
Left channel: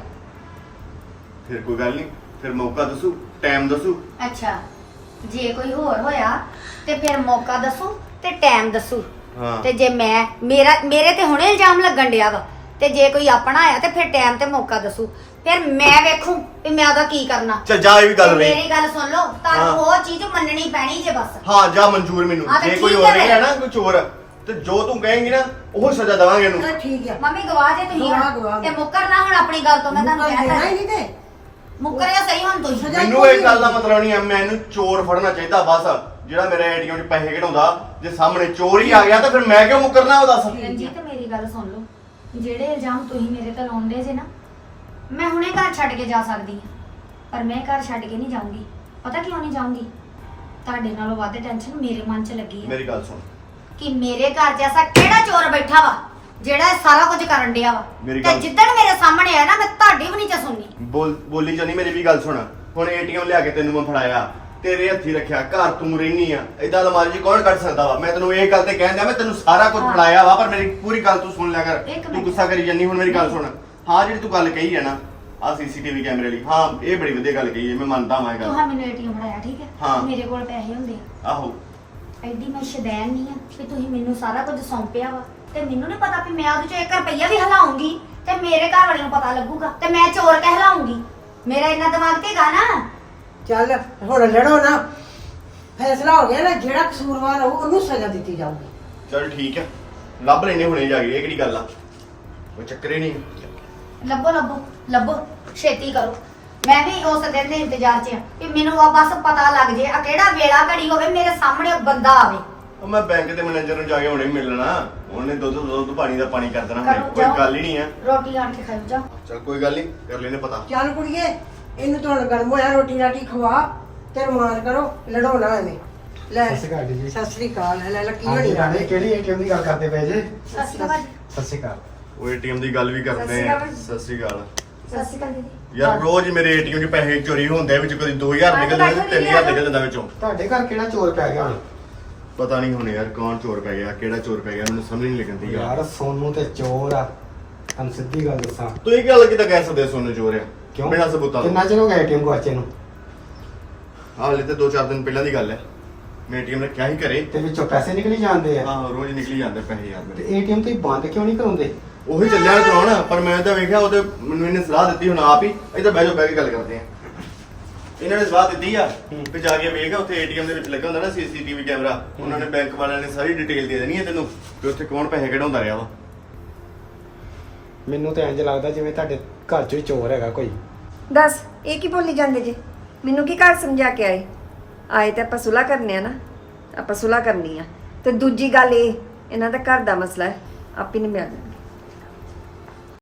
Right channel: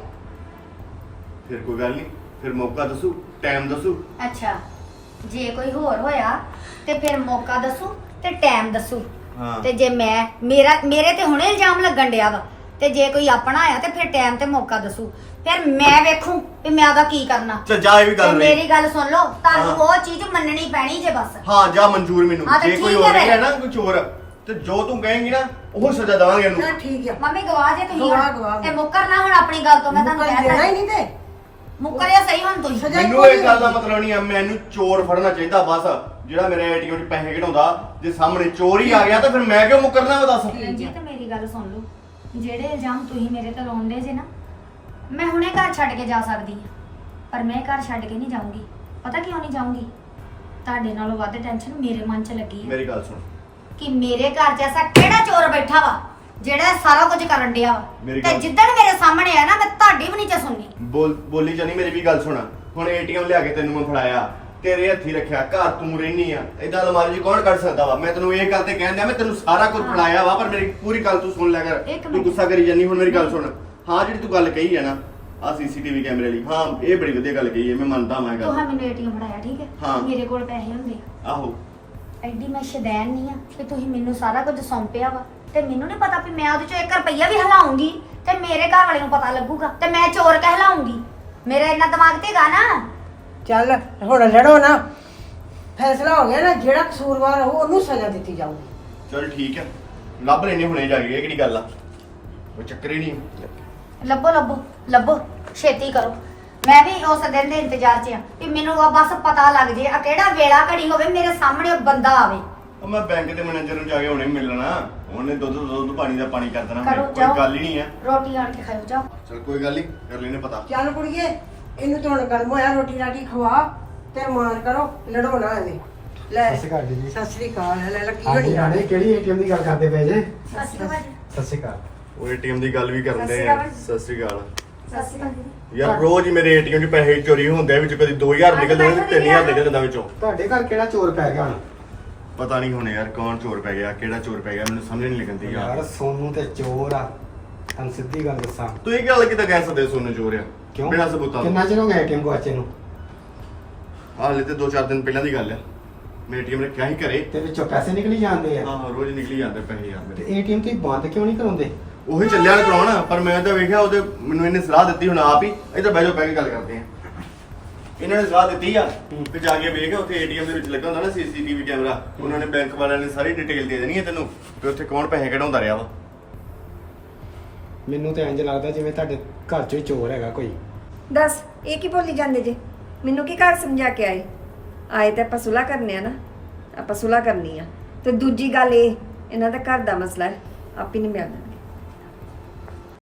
ਫਿਰ ਕੋਈ ਗੱਲ ਨਹੀਂ ਫਿਰ ਮੌਕਾ ਦੱਸੂ ਟਾਈਮ ਦੱਸੂ। ਅੱਛਾ ਜੇ ਕੋਈ ਹੋਰ ਹੋਇਆ ਤੇ ਫਿਰ ਮੌਕਾ ਦੱਸੂ ਤੇ ਟਾਈਮ ਦੱਸੂ। ਹਾਂ। ਤੇ ਜੇ ਮੈਂ ਮੇਰਾ ਮੇਰੇ ਤੇ ਹੁਣੇ ਇਲਜ਼ਾਮ ਲੱਗਣ ਡਿਆ ਵਾ ਤੇ ਜੇ ਕੋਈ ਆਪਣਾ ਆਇਆ ਤੇ ਫਿਰ ਟਾਈਮ ਤੇ ਮੌਕਾ ਦੱਸੂ। ਫਿਰ ਮੈਂ ਵੇਖੂ ਵੀ ਮੈਂ ਉਹਦਾ ਕੀ ਕਰਨਾ। ਚੱਲ ਜਾ ਇਹ ਵੀ ਤੇ ਗੱਲ ਨਹੀਂ। ਮੇਰੀ ਗੱਲ ਸੁਣ ਲਓ ਤੁਹਾਨੂੰ ਹਾਂ। ਉਹ ਚੀਜ਼ ਮੰਨਣੀ ਪੈਣੀ ਜੇ ਬਸ। ਹਾਂ ਜਾ ਮਨਜ਼ੂਰ ਮੈਨੂੰ। ਹਾਂ ਤੇ ਜੇ ਕੋਈ ਠੀਕ ਹੋਰ ਹੈ। ਹੈ ਨਾ ਕੋਈ ਚੋਰ ਤੇ ਜੋ ਤੂੰ ਕਹੇਂਗੀ ਨਾ ਉਹ ਸਜ਼ਾ ਦੇਵਾਂਗੇ ਇਹਨੂੰ। ਨਾ ਠੀਕ ਆ ਮੰਮੀ ਗਵਾਹ ਜੇ ਤੁਸੀਂ ਗਵਾਹ, ਹੁਣ। ਗਵਾਹ। ਤੇ ਮੁੱਕਰ ਨਾ ਹੁਣ ਆਪਣੀ ਗੱਲ ਤੋਂ ਮੈਂ ਤੁਹਾਨੂੰ ਮੁੱਕਰ ਦੇਣਾ ਹੀ ਕਹਿਤਾ ਨਹੀਂ ਤੇ। ਮੁੱਕਰਿਆ ਸਹੀ ਹੁਣ ਤੁਸੀਂ। ਸਜ਼ਾ- ਮੈਨੂੰ ਇਹ ਗੱਲ ਦਾ ਮਤਲਬ ਨਹੀਂ ਆ ਮੈਨੂੰ ਚੋਰ ਫੜਨਾ ਚਾਹੀਦਾ ਬਸ। ਜਿਹੜਾ ਮੇਰੇ ਏਟੀਐਮ 'ਚ ਪੈਸੇ ਕਢਾਉਂਦਾ ਜੇ ਸਾਹਮਣੇ ਚੋਰ ਹੀ ਆ ਗਿਆ ਤਾਂ ਫਿਰ ਮੈਂ ਕਿਉਂ ਮੁਕਰਨਾ ਉਹ ਦੱਸ। ਰਣਜੀਤ ਮੇਰੀ ਗੱਲ ਸੁਣ ਲਓ। ਜਿਹੜੇ ਇਲਜ਼ਾਮ ਤੁਸੀਂ ਮੇਰੇ ਤੇ ਲਾਉਂਦੇ ਜੇ ਨਾ ਮੈਂ ਹੁਣੇ ਘਰ ਛੱਡ ਕੇ ਜਾ ਸਕਦੀ ਆ ਪਰ ਮੈਂ ਘਰ ਛੱਡ ਕੇ ਨਹੀਂ ਜਾਊਂਗੀ। ਪਤਾ ਕਿਉਂ ਨਹੀਂ ਜਾਊਂਗੀ? ਤੁਹਾਡੇ ਨਾਲੋਂ ਵੱਧ ਟੈਨਸ਼ਨ ਮੇਰੇ ਮਨ 'ਚ ਲੱਗੀ ਆ। ਮੇਰੀ ਗੱਲ ਸੁਣ। ਕਿ ਮੇਰੇ ਘਰ 'ਚ ਐਸਾ ਕਿਹੜਾ ਚੋਰ ਬੈਠਾ ਵਾ ਜਿਹੜਾ ਇਹ ਸਾਰਾ ਕੁਝ ਕਰਨ ਡਿਆ ਵਾ? ਮੇਰੀ ਤੇ ਗੱਲ- ਜਿੱਦਣ ਮੇਰੇ ਸਾਹਮਣੇ ਆ ਨਾ ਮੈਂ ਤੁਹਾਡੀ ਵੀ ਨਹੀਂ ਚ ਸੁਣਨੀ। ਬੋਲ ਬੋਲੀ ਜਾਨੀ ਮੇਰੀ ਵੀ ਗੱਲ ਸੁਣ। ਹੁਣ ਏਟੀਐਮ ਲਿਆ ਕੇ ਤੈਨੂੰ ਮੈਂ ਫੜਾਇਆ। ਤੇਰੇ ਹੱਥੀ ਰੱਖਿਆ ਘਰ ਤੂੰ ਰਹਿਨੀ ਆ। ਏਦਾਂ ਅਲਮਾਰੀ 'ਚ ਕੌਣ ਕੱਢ ਸਕਦਾ ਵਾ? ਮੈਂ ਤੈਨੂੰ ਇਹ ਗੱਲ ਤੇ ਕਹਿੰਦਾ ਮੈਂ ਤੈਨੂੰ ਸਾਰਾ ਕੁਝ ਹਾਂ। ਫੜਾਇਆ ਵਾ ਪਰ ਮੇਰੀ ਪੂਰੀ ਗੱਲ ਤੂੰ ਸੁਣ ਲਿਆ ਕਰ। ਇੱਕ ਤੂੰ ਮਿੰਟ। ਗੁੱਸਾ ਕਰੀ ਜਾਨੀ ਹੁਣ ਮੇਰੀ ਗੱਲ। ਸੁਣ। ਹਾਂ ਜਿਹੜੀ ਤੂੰ ਗੱਲ ਕਹੀ ਹੈ ਨਾ ਆ ਸੀਸੀਟੀਵੀ ਕੈਮਰੇ ਲਈ ਹਾਂ ਇਹ ਬੜੀ ਵਧੀਆ ਗੱਲ ਕਹੀ ਹੈ ਮੈਂ ਮੰਨਦਾ ਹਾਂ ਇਹ ਤੂੰ ਹਾਂ ਗੱਲ ਮੈਨੂੰ ਏਟੀਐਮ ਫੜਾਇਆ ਠੀਕ ਹੈ? ਹਾਂ। ਮੇਰੇ ਕੋਲ ਪੈਸੇ ਹੁੰਦੇ ਆ। ਆਹੋ। ਐਡੀ ਮੈਂ ਸ਼ੈਦਾਨ ਨਹੀਂ ਆ ਕਿ ਤੁਸੀਂ ਮੈਨੂੰ ਸਾਰਾ ਕੁਝ ਸੌਂਪਿਆ ਵਾ। ਤੇ ਮੈਨੂੰ ਨਹੀਂ ਪਤਾ ਵੀ ਮੈਂ ਉਹਦੇ ਚੋਂ 1 ਰੁਪਈਆ ਵੀ ਹਲਾਉਂਗੀ ਤੇ ਮੇਰੇ ਘਰ ਵਾਲੇ ਨੂੰ ਪਤਾ ਲੱਗੂਗਾ ਤੇ ਮੈਂ ਚੋਰ ਕਹਿਲਾਉਂਗੀ ਮੇਰਾ ਇੰਨਾ ਦਿਮਾਗ ਤੇ ਗਾ ਨਾ। ਚੱਲ ਹੁਣ ਲੜੋ ਨਾ। ਫੈਸਲਾ ਹੋ ਗਿਆ ਨਾ ਜਿਹੜਾ ਕਸੂਰਵਾਰ ਹੋਊ ਉਹਨੂੰ ਸਜ਼ਾ ਦਿੱਤੀ ਜਾਊਗੀ। ਚਲ ਠੀਕ ਆ। ਲੱਭ ਲੈਨੇ ਹੁਣੇ ਜਾ ਕੇ ਇਹ ਕਿਹੜੀ ਗੱਲ ਆ? ਕੋਈ ਚੱਕਰ ਹੀ ਨਹੀਂ। ਲੱਭੋ ਲੱਭੋ ਲੱਭੋ ਛੇਤੀ ਕਰੋ। ਮੈਂ ਵੀ ਉਸ ਦਿਨ ਦੇ ਇੰਤਜ਼ਾਰ 'ਚ ਆ ਕਿ ਮੈਨੂੰ ਆ ਬਸ ਪਤਾ ਲੱਗ ਜੇ ਆ ਕਿਹੜਾ ਵੇਲਾ ਘੜੀ ਹੋਵੇ ਮੇਰੇ ਸਾਹਮਣੇ ਉਹ ਬੰਦਾ ਆਵੇ। ਉਹ ਮੈਂ ਬੈਂਕ ਦੇ ਮੈਨੇਜਰ ਨੂੰ ਜਾ ਕੇ ਹੁਣੇ ਮਿਲਣਾ। ਉਹਨੇ ਦੁੱਧ ਦਾ ਦੁੱਧ ਪਾਣੀ ਦਾ ਪਾਣੀ ਕਰ ਦੇਣਾ। ਕਰੋ, ਕੋਈ ਜਾਓ। ਗੱਲ ਹੀ ਨਹੀਂ ਆ। ਰੋਟੀ ਆਣ ਕੇ ਖਾਓ ਜਾਓ। ਚਲ ਕੋਈ ਗੱਲ ਨਹੀਂ ਕਰ ਲੈਨੇ ਪਤਾ। ਚੱਲ ਕੁੜੀਏ ਇਹਨੂੰ ਤਾਂ ਹੁਣ ਗਰਮ ਹੋਇਆ ਰੋਟੀ ਰਾਟੀ ਖਵਾ? ਤੇ ਰਮਾਨ ਕਰੋ ਲੜਾਉਣਾ ਐਵੇਂ ਲੈ ਸਤਿ ਸ਼੍ਰੀ ਅਕਾਲ ਜੀ। ਸਤਿ ਸ੍ਰੀ ਅਕਾਲ ਲੈ ਲੈ ਕੀ ਹਾਂਜੀ ਬਣੀ ਰਾਣੇ ਕਿਹੜੀ ਏਟੀਐਮ ਦੀ ਗੱਲ ਕਰਦੇ ਪਏ ਜੇ? ਸਤਿ ਸ਼੍ਰੀ ਅਕਾਲ। ਸਤਿ ਸ਼੍ਰੀ ਅਕਾਲ। ਉਹ ਏਟੀਐਮ ਦੀ ਗੱਲ ਵੀ ਕਰਦੇ ਆ। ਸਤਿ ਸ੍ਰੀ ਅਕਾਲ। ਸਤਿ ਸ਼੍ਰੀ ਅਕਾਲ ਦੀਦੀ। ਯਾਰ ਰੋਜ਼ ਹੀ ਮੇਰੇ ਏਟੀਐਮ 'ਚ ਪੈਸੇ ਚੋਰੀ ਹੁੰਦੇ ਆ ਵਿੱਚ ਕਦੀ 2000 ਨਿਕਲਦੇ ਨੇ 3000 ਨਿਕਲ ਜਾਂਦਾ ਵਿੱਚੋਂ। ਤੁਹਾਡੇ ਘਰ ਕਿਹੜਾ ਚੋਰ ਪੈ ਗਿਆ ਹੁਣ? ਪਤਾ ਨਹੀਂ ਹੁਣ ਯਾਰ ਕੌਣ ਚੋਰ ਪੈ ਗਿਆ ਕਿਹੜਾ ਚੋਰ ਪੈ ਗਿਆ ਮੈਨੂੰ ਸਮਝ ਨਹੀਂ ਲੱਗਦੀ ਯਾਰ। ਯਾਰ ਸੋਨੂੰ ਤੇ ਚੋਰ ਆ। ਤੁਹਾਨੂੰ ਸਿੱਧੀ ਗੱਲ ਦੱਸਾਂ। ਤੂੰ ਇਹ ਗੱਲ ਕਿਦਾਂ ਕਹਿ ਸਕਦੇ ਸੋਨੂੰ ਚੋਰ ਆ? ਕਿਉਂ? ਬਿਨਾਂ ਸਬੂਤਾਂ ਕਿੰਨਾ ਤੋਂ ਚਿਰ ਹੋ ਗਿਆ ਏਟੀਐਮ ਗਵਾਚੇ ਨੂੰ? ਹਾਲੇ ਤੇ 2-4 ਦਿਨ ਪਹਿਲਾਂ ਦੀ ਗੱਲ ਹੈ ਮੈਂ ਏਟੀਐਮ ਰੱਖਿਆ ਸੀ ਘਰੇ। ਤੇ ਵਿੱਚੋਂ ਪੈਸੇ ਨਿਕਲੀ ਜਾਂਦੇ ਆ? ਆਹ ਰੋਜ਼ ਨਿਕਲੀ ਜਾਂਦੇ ਪੈਸੇ ਯਾਰ ਤੇ ਮੇਰੇ ਏਟੀਐਮ ਤੇ ਬੰਦ ਕਿਉਂ ਨਹੀਂ ਕਰਾਉਂਦੇ? ਉਹੀ ਚੱਲਿਆ ਚਲਾਉਣ ਪਰ ਮੈਂ ਤਾਂ ਵੇਖਿਆ ਉਹਦੇ ਮੈਨੂੰ ਇਹਨੇ ਸਲਾਹ ਦਿੱਤੀ ਹੁਣ ਆਪ ਹੀ ਇੱਧਰ ਬਹਿ ਜਾਓ ਬਹਿ ਕੇ ਗੱਲ ਕਰਦੇ ਆ ਇਹਨਾਂ ਨੇ ਸਲਾਹ ਦਿੱਤੀ ਆ ਵੀ ਜਾ ਕੇ ਵੇਖ ਉੱਥੇ ਏਟੀਐਮ ਦੇ ਵਿੱਚ ਲੱਗਾ ਹੁੰਦਾ ਨਾ ਸੀਸੀਟੀਵੀ ਕੈਮਰਾ ਉਹਨਾਂ ਨੇ ਬੈਂਕ ਵਾਲਿਆਂ ਨੇ ਸਾਰੀ ਡਿਟੇਲ ਦੇ ਦੇਣੀ ਹੈ ਤੈਨੂੰ ਕਿ ਉੱਥੇ ਕੌਣ ਪੈਸੇ ਕਢਾਉਂਦਾ ਰਿਹਾ ਵਾ। ਮੈਨੂੰ ਤਾਂ ਇੰਜ ਲੱਗਦਾ ਜਿਵੇਂ ਤੁਹਾਡੇ ਘਰ 'ਚ ਹੀ ਚੋਰ ਹੈਗਾ ਕੋਈ। ਦੱਸ ਇਹ ਕੀ ਬੋਲੀ ਜਾਂਦੇ ਜੇ? ਮੈਨੂੰ ਕੀ ਘਰ ਸਮਝਾ ਕੇ ਆਏ? ਆਏ ਤਾਂ ਆਪਾਂ ਸੁਲਾ ਕਰਨੇ ਆ ਨਾ ਆਪਾਂ ਸੁਲਾ ਕਰਨੀ ਆ। ਤੇ ਦੂਜੀ ਗੱਲ ਇਹ ਇਹਨਾਂ ਦਾ ਘਰ ਦਾ ਮਸਲਾ ਹੈ ਆਪੇ ਨਹੀਂ ਮਿਲਦਾ